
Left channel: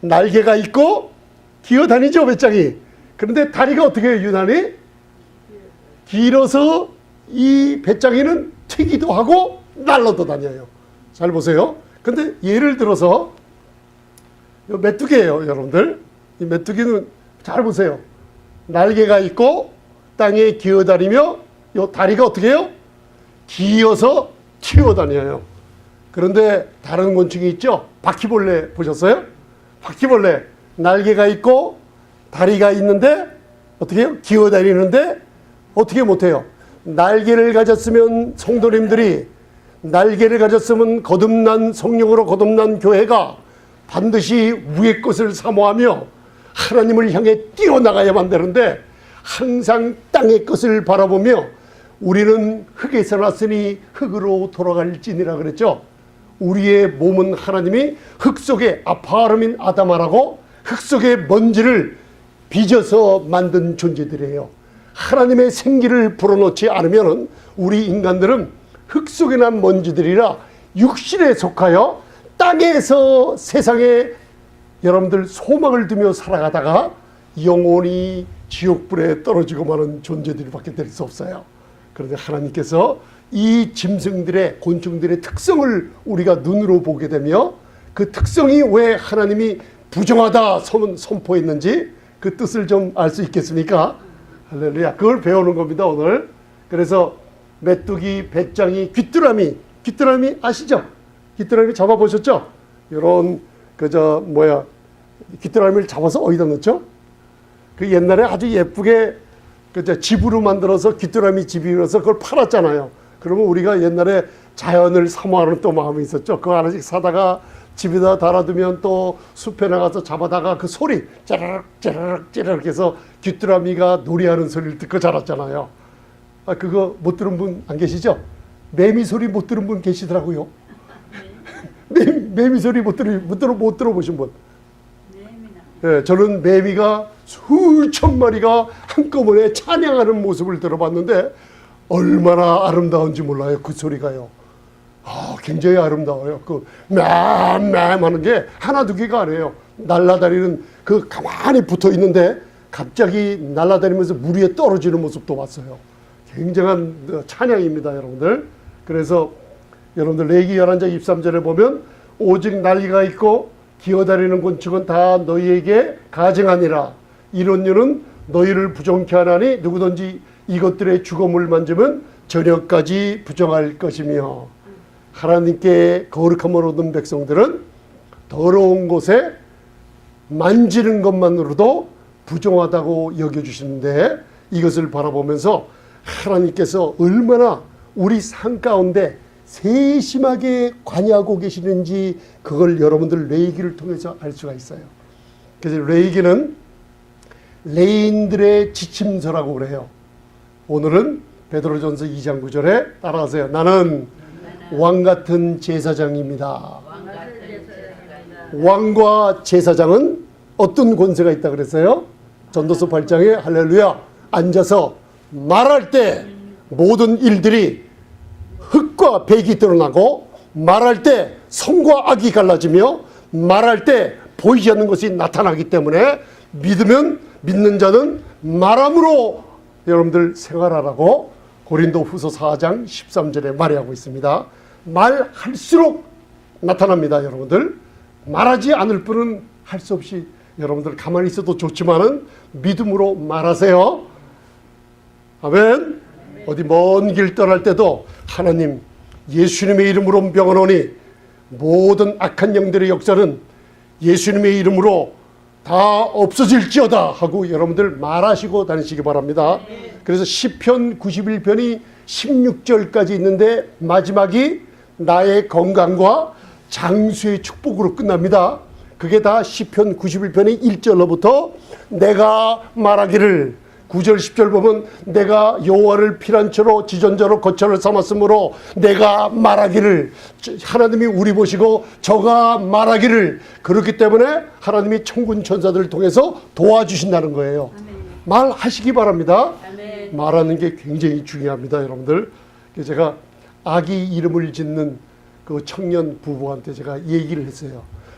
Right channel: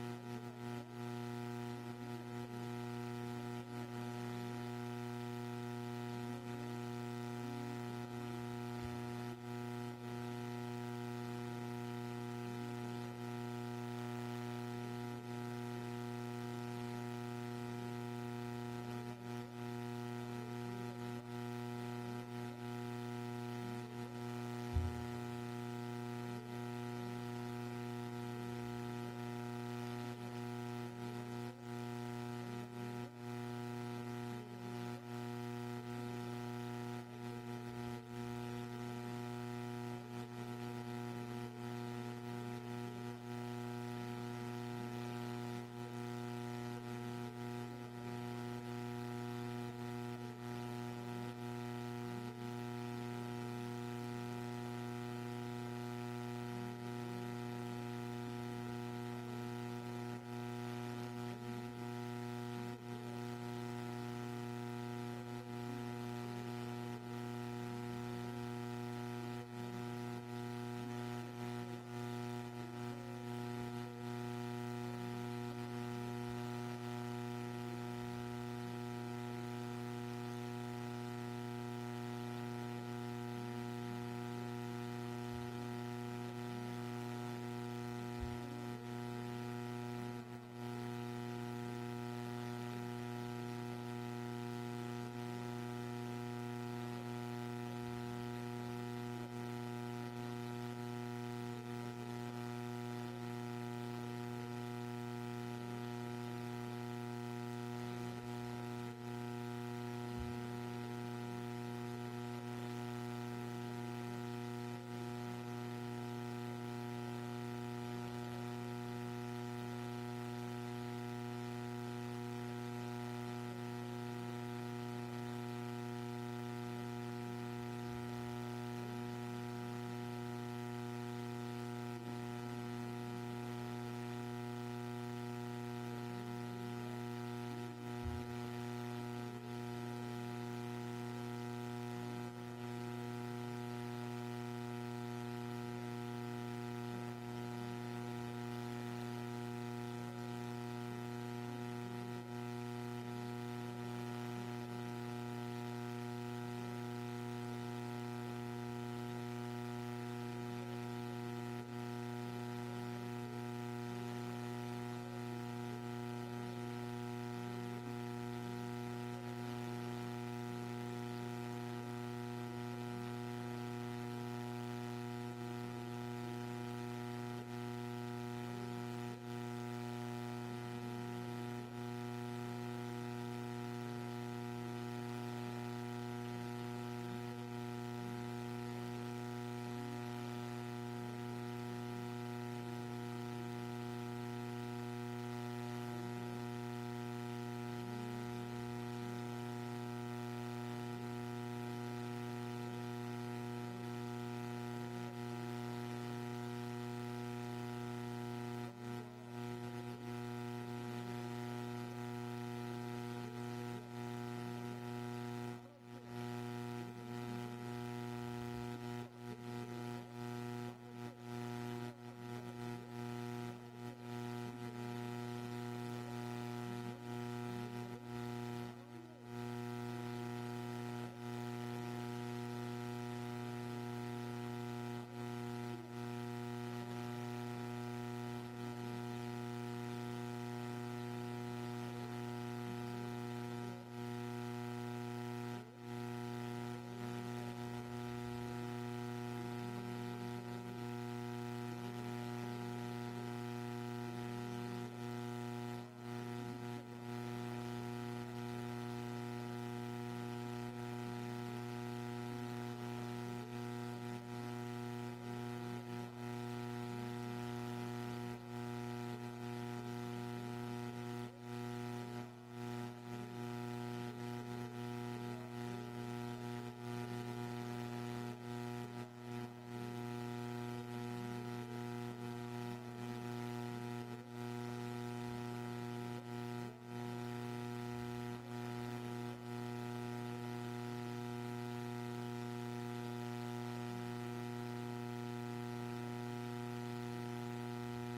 날개가 있고 기어다니죠, 배짱이. 그런데 다리가 어떻게 해요, 유난히? 길어서 이 배짱이는 튀기도 하고 날라도 다녀요. 잘 보세요. 근데 예를 들어서 메뚜기예요, 여러분들. 이 메뚜기는 잘 보세요. 날개가 있고 땅에 기어다니며 이 다리가 어떻게 해요? 기어서 튀어다녀요. 그런데 다른 곤충이 있죠. 바퀴벌레 보셨어요? 바퀴벌레 날개가 있고 다리가 있는데 어떻게 해요? 기어다니는데 어떻게 못해요? 날개를 가졌으면 성도님들이, 날개를 가졌으면 거듭난 성령으로 거듭난 교회가 반드시 위의 것을 사모하며 하나님을 향해 뛰어나가야만 되는데 항상 땅의 것을 바라보며 우리는 흙에서 났으니 흙으로 돌아갈지니라 그랬죠. 우리의 몸은 하나님이 흙 속에 아파르민 아담아라고 흙 속의 먼지를 빚어서 만든 존재들이에요. 하나님의 생기를 불어넣지 않으면 우리 인간들은 흙 속에 난 먼지들이라 육신에 속하여 땅에서 세상에 여러분들 소망을 두며 살아가다가 영원히 지옥불에 떨어지고 마는 존재들밖에 될 수 없어요. 그런데 하나님께서 이 짐승들의, 곤충들의 특성을 우리가 눈으로 보게 되며 그 특성이 왜 하나님이 부정하다 선포했는지 그 뜻을 좀 알 수 있겠습니까? 할렐루야. 그걸 배우는 겁니다, 오늘. 그래서 메뚜기, 배짱이, 귀뚜라미 아시죠? 귀뚜라미 잡아보셨죠? 이런 귀뚜라미를 잡아서 어디다 넣죠? 그 옛날에 아주 예쁘게 집으로 만들어서 귀뚜라미 집이라서 그걸 팔았잖아요. 그러면 우리가 옛날에 자연을 사모하는 또 마음이 있었죠. 그거 하나씩 사다가 집에다 달아두면 또 숲에 나가서 잡아다가 그 소리 짜르륵 짜르륵 짜르륵 해서 귀뚜라미가 노래하는 소리를 듣고 자랐잖아요. 그거 못 들은 분 안 계시죠? 매미 소리 못 들은 분 계시더라고요. 매미 소리 못 들어보신 분? 네, 저는 매미가 수천 마리가 한꺼번에 찬양하는 모습을 들어봤는데 얼마나 아름다운지 몰라요. 그 소리가요. 굉장히 아름다워요. 그 맴맴 하는 게 하나 두 개가 아니에요. 날아다니는 그 가만히 붙어 있는데 갑자기 날아다니면서 물 위에 떨어지는 모습도 봤어요. 굉장한 찬양입니다, 여러분들. 그래서 여러분들 레위기 11장 23절에 보면 오직 날개가 있고 기어다니는 곤충은 다 너희에게 가증하니라. 이런 일은 너희를 부정케 하나니 누구든지 이것들의 주검을 만지면 저녁까지 부정할 것이며, 하나님께 거룩함을 얻은 백성들은 더러운 곳에 만지는 것만으로도 부정하다고 여겨주시는데, 이것을 바라보면서 하나님께서 얼마나 우리 삶 가운데 세심하게 관여하고 계시는지 그걸 여러분들 레위기를 통해서 알 수가 있어요. 그래서 레위기는 레인들의 지침서라고 그래요. 오늘은 베드로전서 2장 9절에 따라하세요. 나는 왕같은 제사장입니다. 왕과 제사장은 어떤 권세가 있다 그랬어요? 전도서 8장에 할렐루야 앉아서 말할 때 모든 일들이 흙과 백이 드러나고 말할 때 선과 악이 갈라지며 말할 때 보이지 않는 것이 나타나기 때문에 믿으면 믿는 자는 말함으로 여러분들 생활하라고 고린도후서 4장 13절에 말하고 있습니다. 말할수록 나타납니다. 여러분들 말하지 않을 뿐은 할 수 없이 여러분들 가만히 있어도 좋지만은 믿음으로 말하세요. 아멘. 어디 먼 길 떠날 때도 하나님 예수님의 이름으로 명하노니 모든 악한 영들의 역사는 예수님의 이름으로 다 없어질지어다 하고 여러분들 말하시고 다니시기 바랍니다. 그래서 시편 91편이 16절까지 있는데 마지막이 나의 건강과 장수의 축복으로 끝납니다. 그게 다 시편 91편의 1절로부터 내가 말하기를 9절 10절 보면 내가 여호와를 피난처로 지존자로 거처를 삼았으므로 내가 말하기를 하나님이 우리 보시고 저가 말하기를 그렇기 때문에 하나님이 천군 천사들을 통해서 도와주신다는 거예요. 말하시기 바랍니다. 말하는 게 굉장히 중요합니다. 여러분들 제가 아기 이름을 짓는 그 청년 부부한테 제가 얘기를 했어요.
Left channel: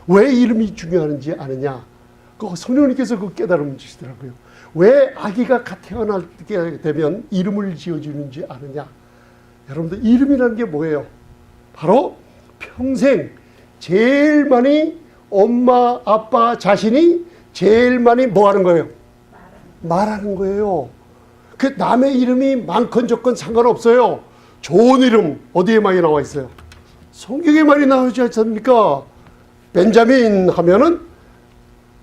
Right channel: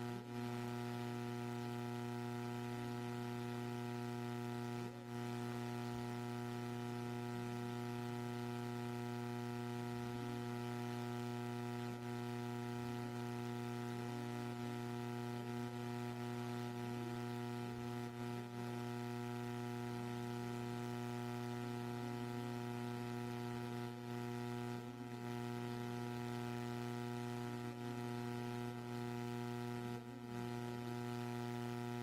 왜 이름이 중요한지 아느냐? 그 성령님께서 그 깨달음을 주시더라고요. 왜 아기가 태어나게 되면 이름을 지어주는지 아느냐? 여러분들 이름이라는 게 뭐예요? 바로 평생 제일 많이 엄마 아빠 자신이 제일 많이 뭐 하는 거예요? 말하는 거예요. 그 남의 이름이 많건 적건 상관없어요. 좋은 이름 어디에 많이 나와 있어요? 성경에 많이 나오지 않습니까? 벤자민 하면은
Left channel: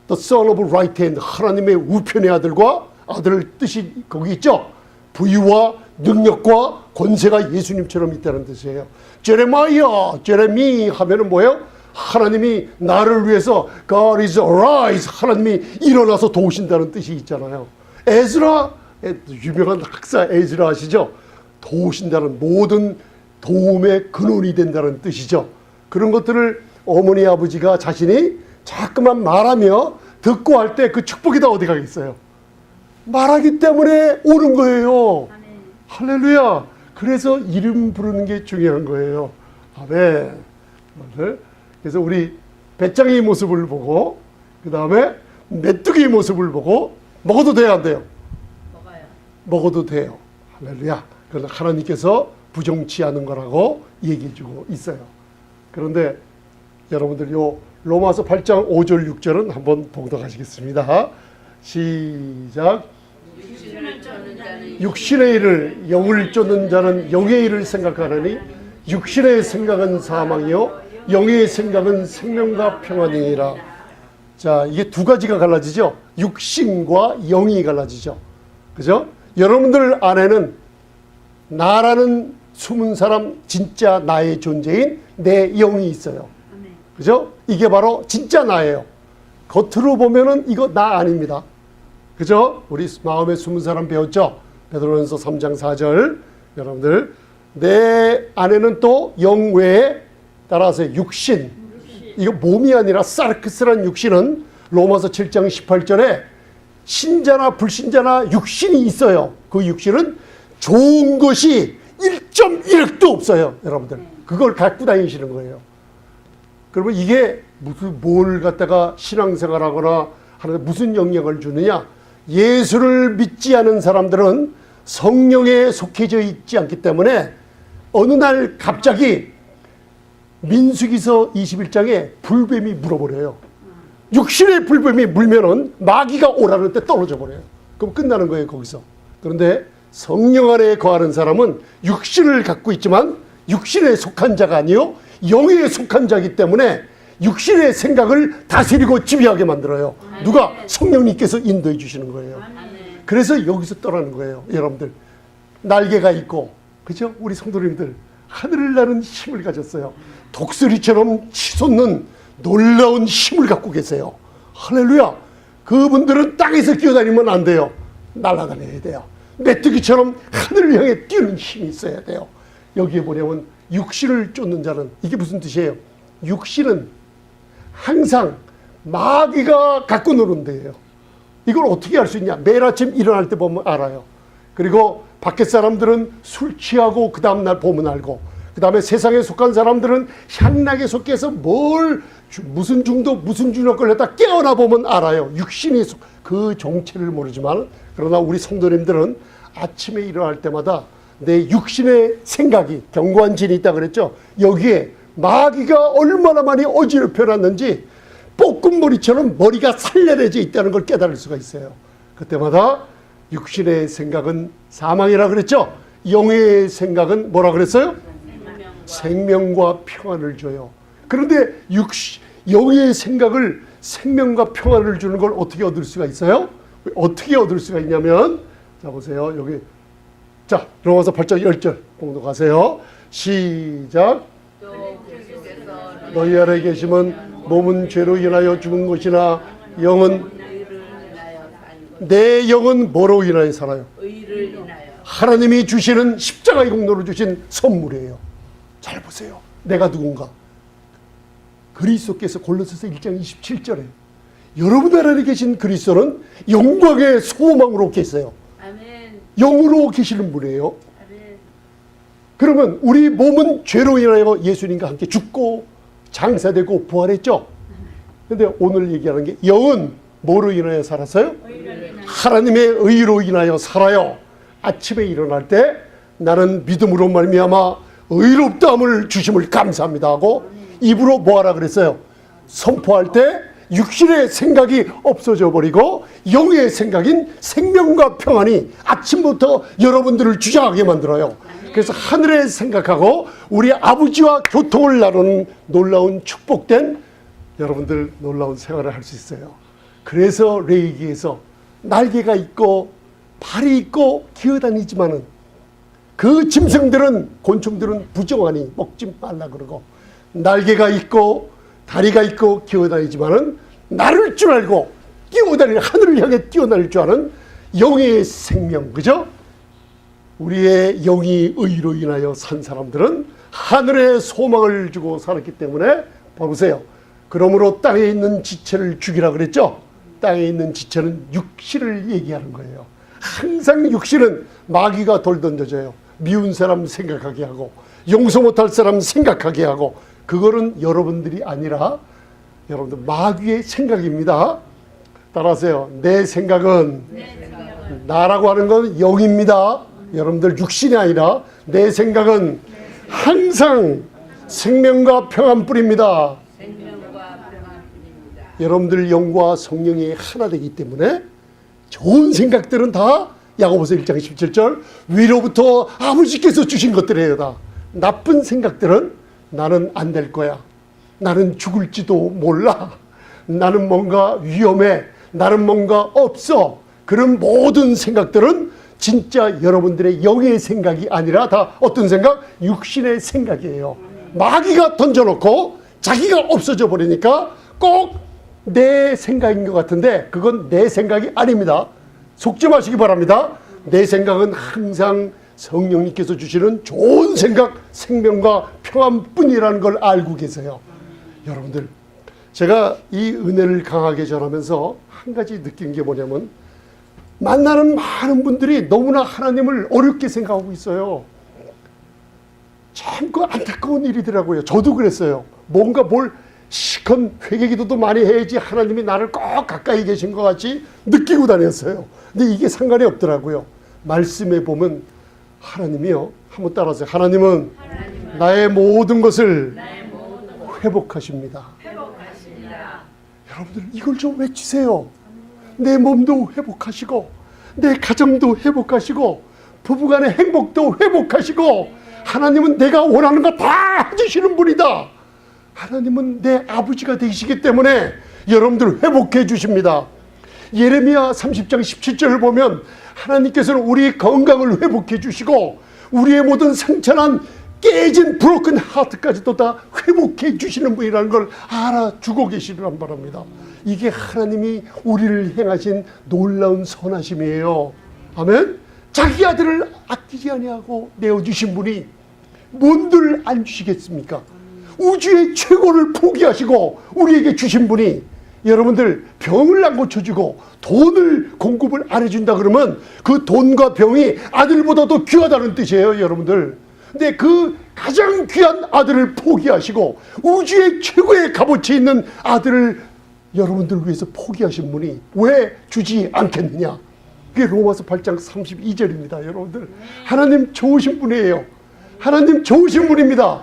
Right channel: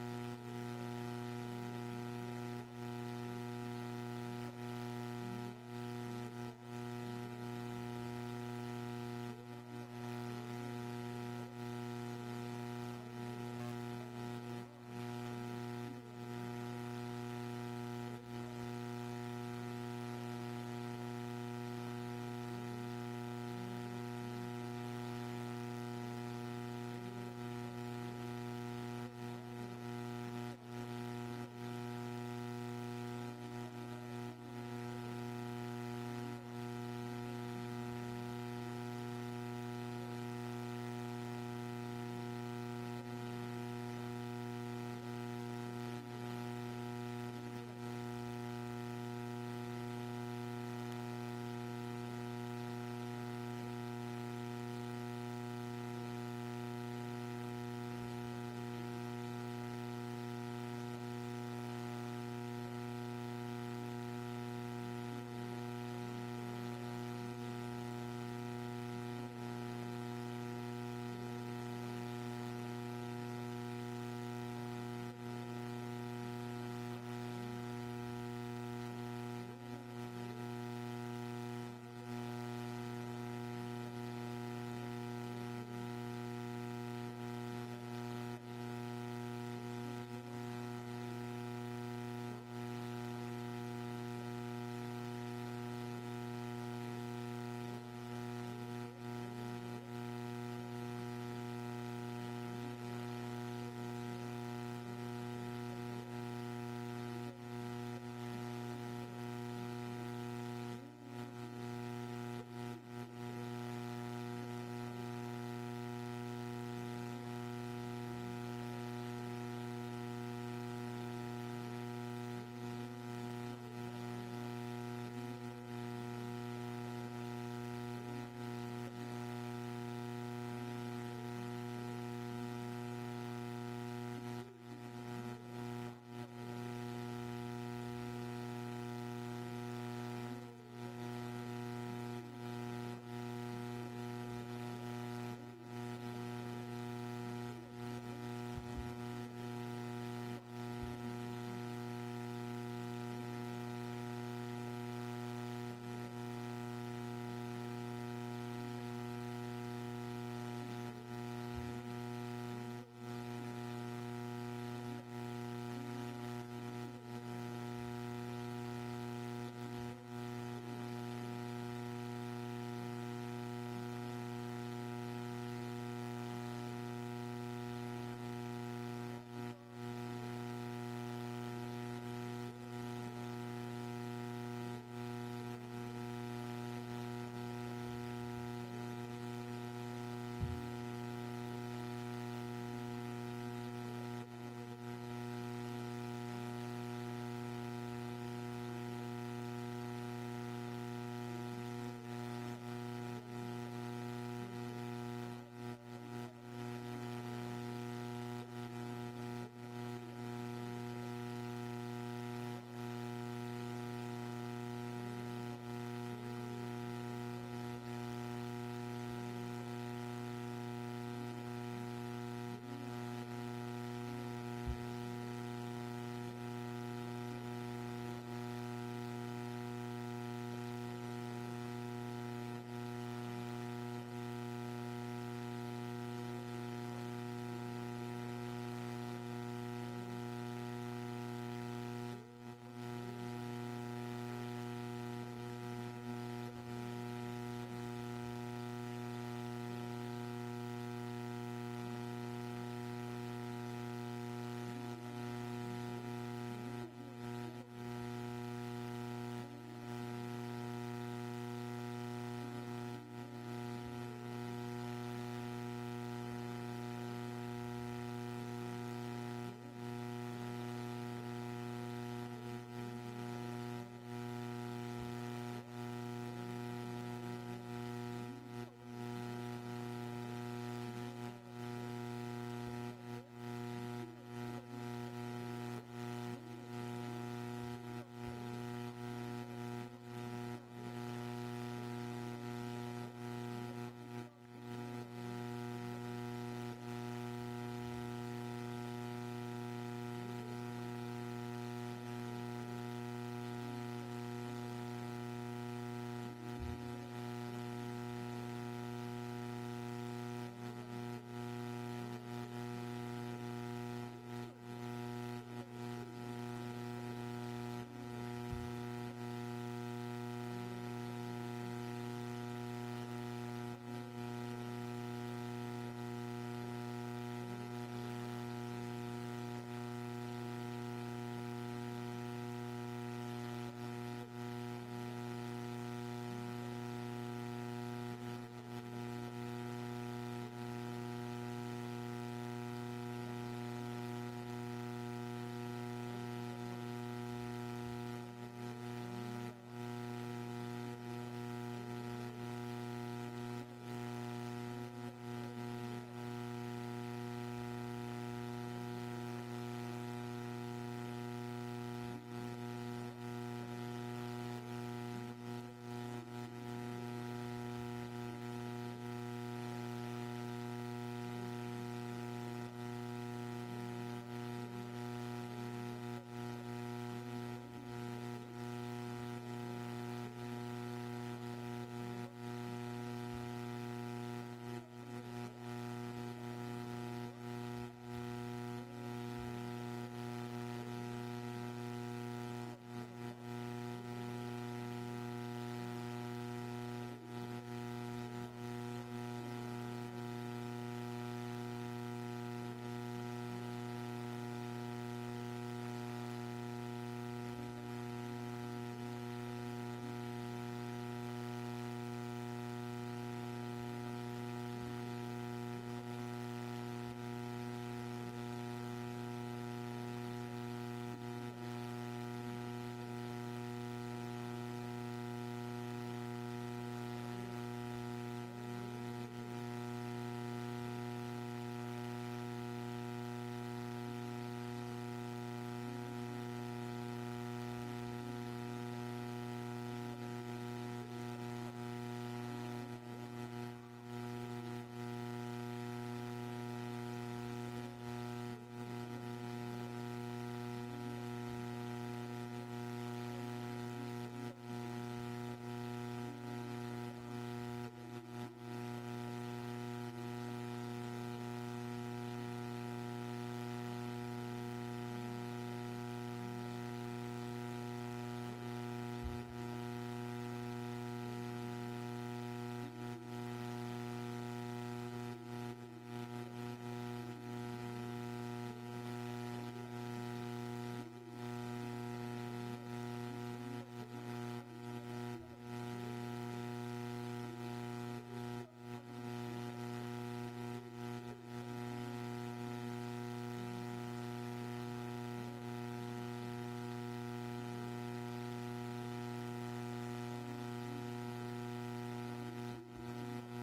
The son of right hand, 하나님의 우편의 아들과 아들 뜻이 거기 있죠. 부유와 능력과 권세가 예수님처럼 있다는 뜻이에요. 제레마이아, 제레미 하면은 뭐예요? 하나님이 나를 위해서 God is arise, 하나님이 일어나서 도우신다는 뜻이 있잖아요. 에즈라, 유명한 학사 에즈라 아시죠? 도우신다는 모든 도움의 근원이 된다는 뜻이죠. 그런 것들을 어머니 아버지가 자신이 자꾸만 말하며 듣고 할 때 그 축복이 다 어디 가겠어요? 말하기 때문에 오는 거예요. 할렐루야. 그래서 이름 부르는 게 중요한 거예요. 아멘. 그래서 우리 배짱이의 모습을 보고 그 다음에 메뚜기의 모습을 보고 먹어도 돼요, 안 돼요? 먹어도 돼요. 할렐루야. 그러나 하나님께서 부정치 않은 거라고 얘기해 주고 있어요. 그런데 여러분들 요 로마서 8장 5절 6절은 한번 봉독하시겠습니다. 시작. 육신의 일을 영을 쫓는 자는 영의 일을 생각하느니 육신의 생각은 사망이요 영의 생각은 생명과 평안이니라. 자, 이게 두 가지가 갈라지죠. 육신과 영이 갈라지죠. 그죠? 여러분들 안에는 나라는 숨은 사람 진짜 나의 존재인 내 영이 있어요. 그죠? 이게 바로 진짜 나예요. 겉으로 보면은 이거 나 아닙니다. 그죠? 우리 마음에 숨은 사람 배웠죠? 베드로전서 3장 4절. 여러분들 내 안에는 또 영 외에 따라서 육신. 이거 몸이 아니라 사르크스란 육신은 로마서 7장 18절에 신자나 불신자나 육신이 있어요. 그 육신은 좋은 것이 1.1도 없어요. 여러분들 그걸 갖고 다니시는 거예요. 그러면 이게 무슨 뭘 갖다가 신앙생활하거나 하는 무슨 영향을 주느냐? 예수를 믿지 않은 사람들은 성령에 속해져 있지 않기 때문에 어느 날 갑자기 민수기서 21장에 불뱀이 물어버려요. 육신의 불뱀이 물면은 마귀가 오라는 때 떨어져 버려요. 그럼 끝나는 거예요, 거기서. 그런데 성령 안에 거하는 사람은 육신을 갖고 있지만 육신에 속한 자가 아니요 영에 속한 자이기 때문에 육신의 생각을 다스리고 지배하게 만들어요. 누가? 성령님께서 인도해 주시는 거예요. 그래서 여기서 떠나는 거예요. 여러분들 날개가 있고, 그죠? 우리 성도님들 하늘을 나는 힘을 가졌어요. 독수리처럼 치솟는 놀라운 힘을 갖고 계세요. 할렐루야. 그분들은 땅에서 뛰어다니면 안 돼요. 날아다녀야 돼요. 메뚜기처럼 하늘을 향해 뛰는 힘이 있어야 돼요. 여기에 보려면 육신을 쫓는 자는, 이게 무슨 뜻이에요? 육신은 항상 마귀가 갖고 노는 데예요. 이걸 어떻게 알 수 있냐? 매일 아침 일어날 때 보면 알아요. 그리고 밖에 사람들은 술 취하고 그 다음날 보면 알고, 그 다음에 세상에 속한 사람들은 향락에 속해서 무슨 중독 무슨 중독 걸렸다 깨어나 보면 알아요. 육신이 그 정체를 모르지만, 그러나 우리 성도님들은 아침에 일어날 때마다 내 육신의 생각이, 견고한 진이 있다 그랬죠. 여기에 마귀가 얼마나 많이 어지럽혀 놨는지 볶음머리처럼 머리가 살려내져 있다는 걸 깨달을 수가 있어요. 그때마다 육신의 생각은 사망이라 그랬죠. 영의 생각은 뭐라 그랬어요? 생명과 평안을 줘요. 그런데 영의 생각을, 생명과 평안을 주는 걸 어떻게 얻을 수가 있어요? 어떻게 얻을 수가 있냐면, 자 보세요. 여기, 자 들어가서 8절 10절 공독하세요. 시작. 너희 아래 계시면 몸은 죄로 인하여 죽은 것이나 영은, 내 영은 뭐로 인하여 살아요? 하나님이 주시는 십자가의 공로로 주신 선물이에요. 잘 보세요. 내가 누군가? 그리스도께서 골로새서 1장 27절에 여러분 안에 계신 그리스도는 영광의 소망으로 계세요. 영으로 계시는 분이에요. 그러면 우리 몸은 죄로 인하여 예수님과 함께 죽고 장사되고 부활했죠. 그런데 오늘 얘기하는 게, 영은 뭐로 인하여 살았어요? 하나님의 의로 인하여 살아요. 아침에 일어날 때 나는 믿음으로 말미암아 의롭다함을 주심을 감사합니다 하고, 입으로 뭐하라 그랬어요? 선포할 때 육신의 생각이 없어져 버리고 영의 생각인 생명과 평안이 아침부터 여러분들을 주장하게 만들어요. 그래서 하늘에 생각하고 우리 아버지와 교통을 나누는 놀라운 축복된 여러분들, 놀라운 생활을 할 수 있어요. 그래서 레위기에서 날개가 있고 발이 있고 기어다니지만은 그 짐승들은, 곤충들은 부정하니 먹지 말라 그러고, 날개가 있고 다리가 있고 기어다니지만은 나를 줄 알고 뛰어다니는, 하늘을 향해 뛰어다닐 줄 아는 영의 생명, 그죠? 우리의 영이 의로 인하여 산 사람들은 하늘의 소망을 주고 살았기 때문에, 보세요. 그러므로 땅에 있는 지체를 죽이라 그랬죠. 땅에 있는 지체는 육신을 얘기하는 거예요. 항상 육신은 마귀가 돌 던져줘요. 미운 사람 생각하게 하고, 용서 못할 사람 생각하게 하고, 그거는 여러분들이 아니라 여러분들 마귀의 생각입니다. 따라하세요. 내 생각은, 나라고 하는 건 영입니다. 여러분들 육신이 아니라 내 생각은 항상 생명과 평안 뿌립니다. 여러분들 영과 성령이 하나 되기 때문에 좋은 생각들은 다 야고보서 1장 17절 위로부터 아버지께서 주신 것들이에요. 다 나쁜 생각들은 나는 안 될 거야, 나는 죽을지도 몰라, 나는 뭔가 위험해, 나는 뭔가 없어, 그런 모든 생각들은 진짜 여러분들의 영의 생각이 아니라 다 어떤 생각? 육신의 생각이에요. 마귀가 던져놓고 자기가 없어져 버리니까 꼭 내 생각인 것 같은데 그건 내 생각이 아닙니다. 속지 마시기 바랍니다. 내 생각은 항상 성령님께서 주시는 좋은 생각, 생명과 평안뿐이라는 걸 알고 계세요. 여러분들, 제가 이 은혜를 강하게 전하면서 한 가지 느낀 게 뭐냐면, 만나는 많은 분들이 너무나 하나님을 어렵게 생각하고 있어요. 참 그 안타까운 일이더라고요. 저도 그랬어요. 뭔가 뭘 시컨 회개기도도 많이 해야지 하나님이 나를 꼭 가까이 계신 것 같이 느끼고 다녔어요. 근데 이게 상관이 없더라고요. 말씀에 보면 하나님이요, 한번 따라하세요. 하나님은 나의 모든 것을 회복하십니다. 여러분들 이걸 좀 외치세요. 내 몸도 회복하시고, 내 가정도 회복하시고, 부부간의 행복도 회복하시고, 하나님은 내가 원하는 거 다 해주시는 분이다. 하나님은 내 아버지가 되시기 때문에 여러분들 회복해 주십니다. 예레미야 30장 17절을 보면 하나님께서는 우리 건강을 회복해 주시고, 우리의 모든 상처난 깨진 브로큰 하트까지도 다 회복해 주시는 분이라는 걸 알아주고 계시란 바랍니다. 이게 하나님이 우리를 행하신 놀라운 선하심이에요. 아멘. 자기 아들을 아끼지 아니하고 내어주신 분이 뭔들 안 주시겠습니까? 우주의 최고를 포기하시고 우리에게 주신 분이, 여러분들 병을 안 고쳐주고 돈을 공급을 안 해준다 그러면 그 돈과 병이 아들보다도 귀하다는 뜻이에요, 여러분들. 근데 그 가장 귀한 아들을 포기하시고 우주의 최고의 값어치 있는 아들을 여러분들 위해서 포기하신 분이 왜 주지 않겠느냐? 그게 로마서 8장 32절입니다. 여러분들, 하나님 좋으신 분이에요. 하나님 좋으신 분입니다.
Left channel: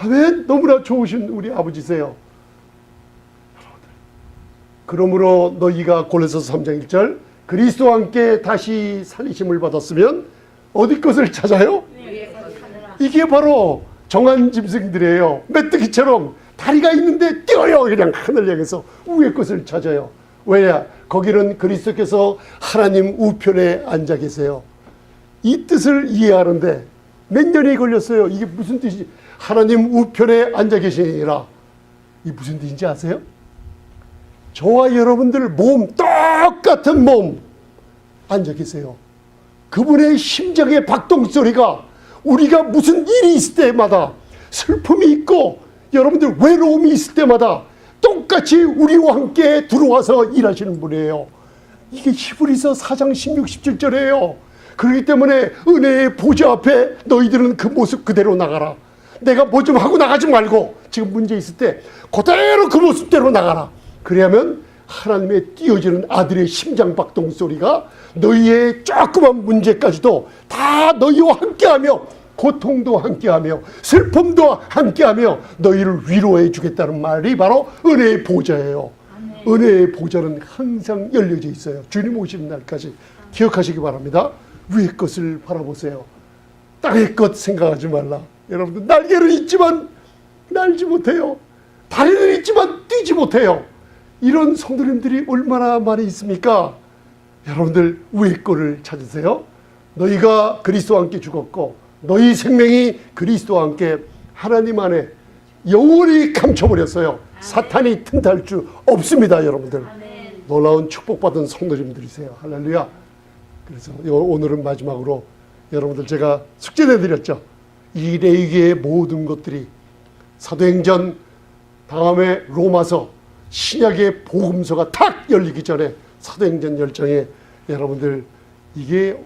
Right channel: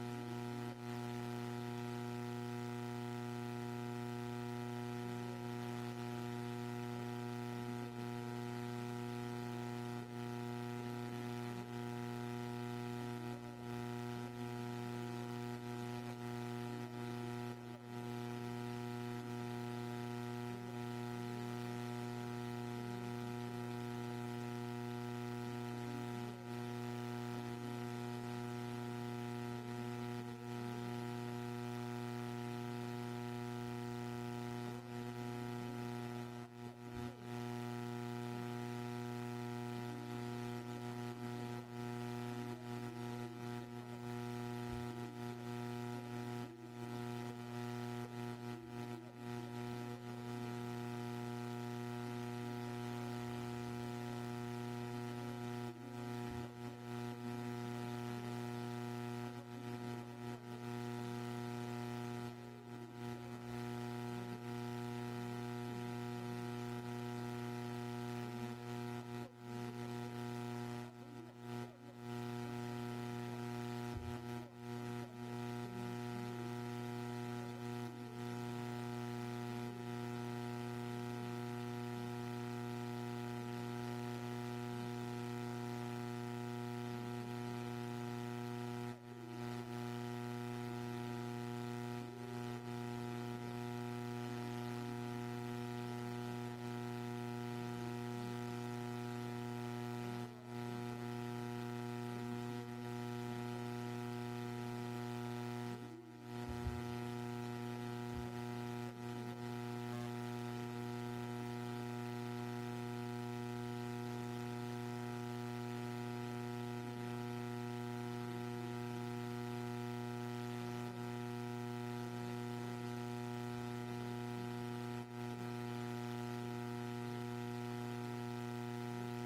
아멘. 너무나 좋으신 우리 아버지세요. 그러므로 너희가 골로새서 3장 1절 그리스도와 함께 다시 살리심을 받았으면 어디 것을 찾아요? 이게 바로 정한 짐승들이에요. 메뚜기처럼 다리가 있는데 뛰어요. 그냥 하늘 향해서 위의 것을 찾아요. 왜냐? 거기는 그리스도께서 하나님 우편에 앉아 계세요. 이 뜻을 이해하는데 몇 년이 걸렸어요. 이게 무슨 뜻이지? 하나님 우편에 앉아 계시니라. 이 무슨 뜻인지 아세요? 저와 여러분들 몸, 똑같은 몸 앉아 계세요. 그분의 심장의 박동소리가 우리가 무슨 일이 있을 때마다, 슬픔이 있고 여러분들 외로움이 있을 때마다 똑같이 우리와 함께 들어와서 일하시는 분이에요. 이게 히브리서 4장 16, 17절이에요. 그렇기 때문에 은혜의 보좌 앞에 너희들은 그 모습 그대로 나가라. 내가 뭐 좀 하고 나가지 말고 지금 문제 있을 때 그대로 그 모습대로 나가라. 그래야면 하나님의 띄어지는 아들의 심장 박동 소리가 너희의 조그만 문제까지도 다 너희와 함께하며 고통도 함께하며 슬픔도 함께하며 너희를 위로해 주겠다는 말이 바로 은혜의 보좌예요. 은혜의 보좌는 항상 열려져 있어요. 주님 오시는 날까지 기억하시기 바랍니다. 위의 것을 바라보세요. 땅의 것 생각하지 말라. 여러분들, 날개는 있지만 날지 못해요. 다리는 있지만 뛰지 못해요. 이런 성도님들이 얼마나 많이 있습니까? 여러분들, 위의 것을 찾으세요. 너희가 그리스도와 함께 죽었고 너희 생명이 그리스도와 함께 하나님 안에 영원히 감춰버렸어요. 사탄이 틈탈 수 없습니다. 여러분들, 놀라운 축복받은 성도님들이세요. 할렐루야. 그래서 오늘은 마지막으로 여러분들, 제가 숙제 내드렸죠. 이 레위기의 모든 것들이 사도행전 다음에 로마서 신약의 복음서가 탁 열리기 전에 사도행전 10장에 여러분들, 이게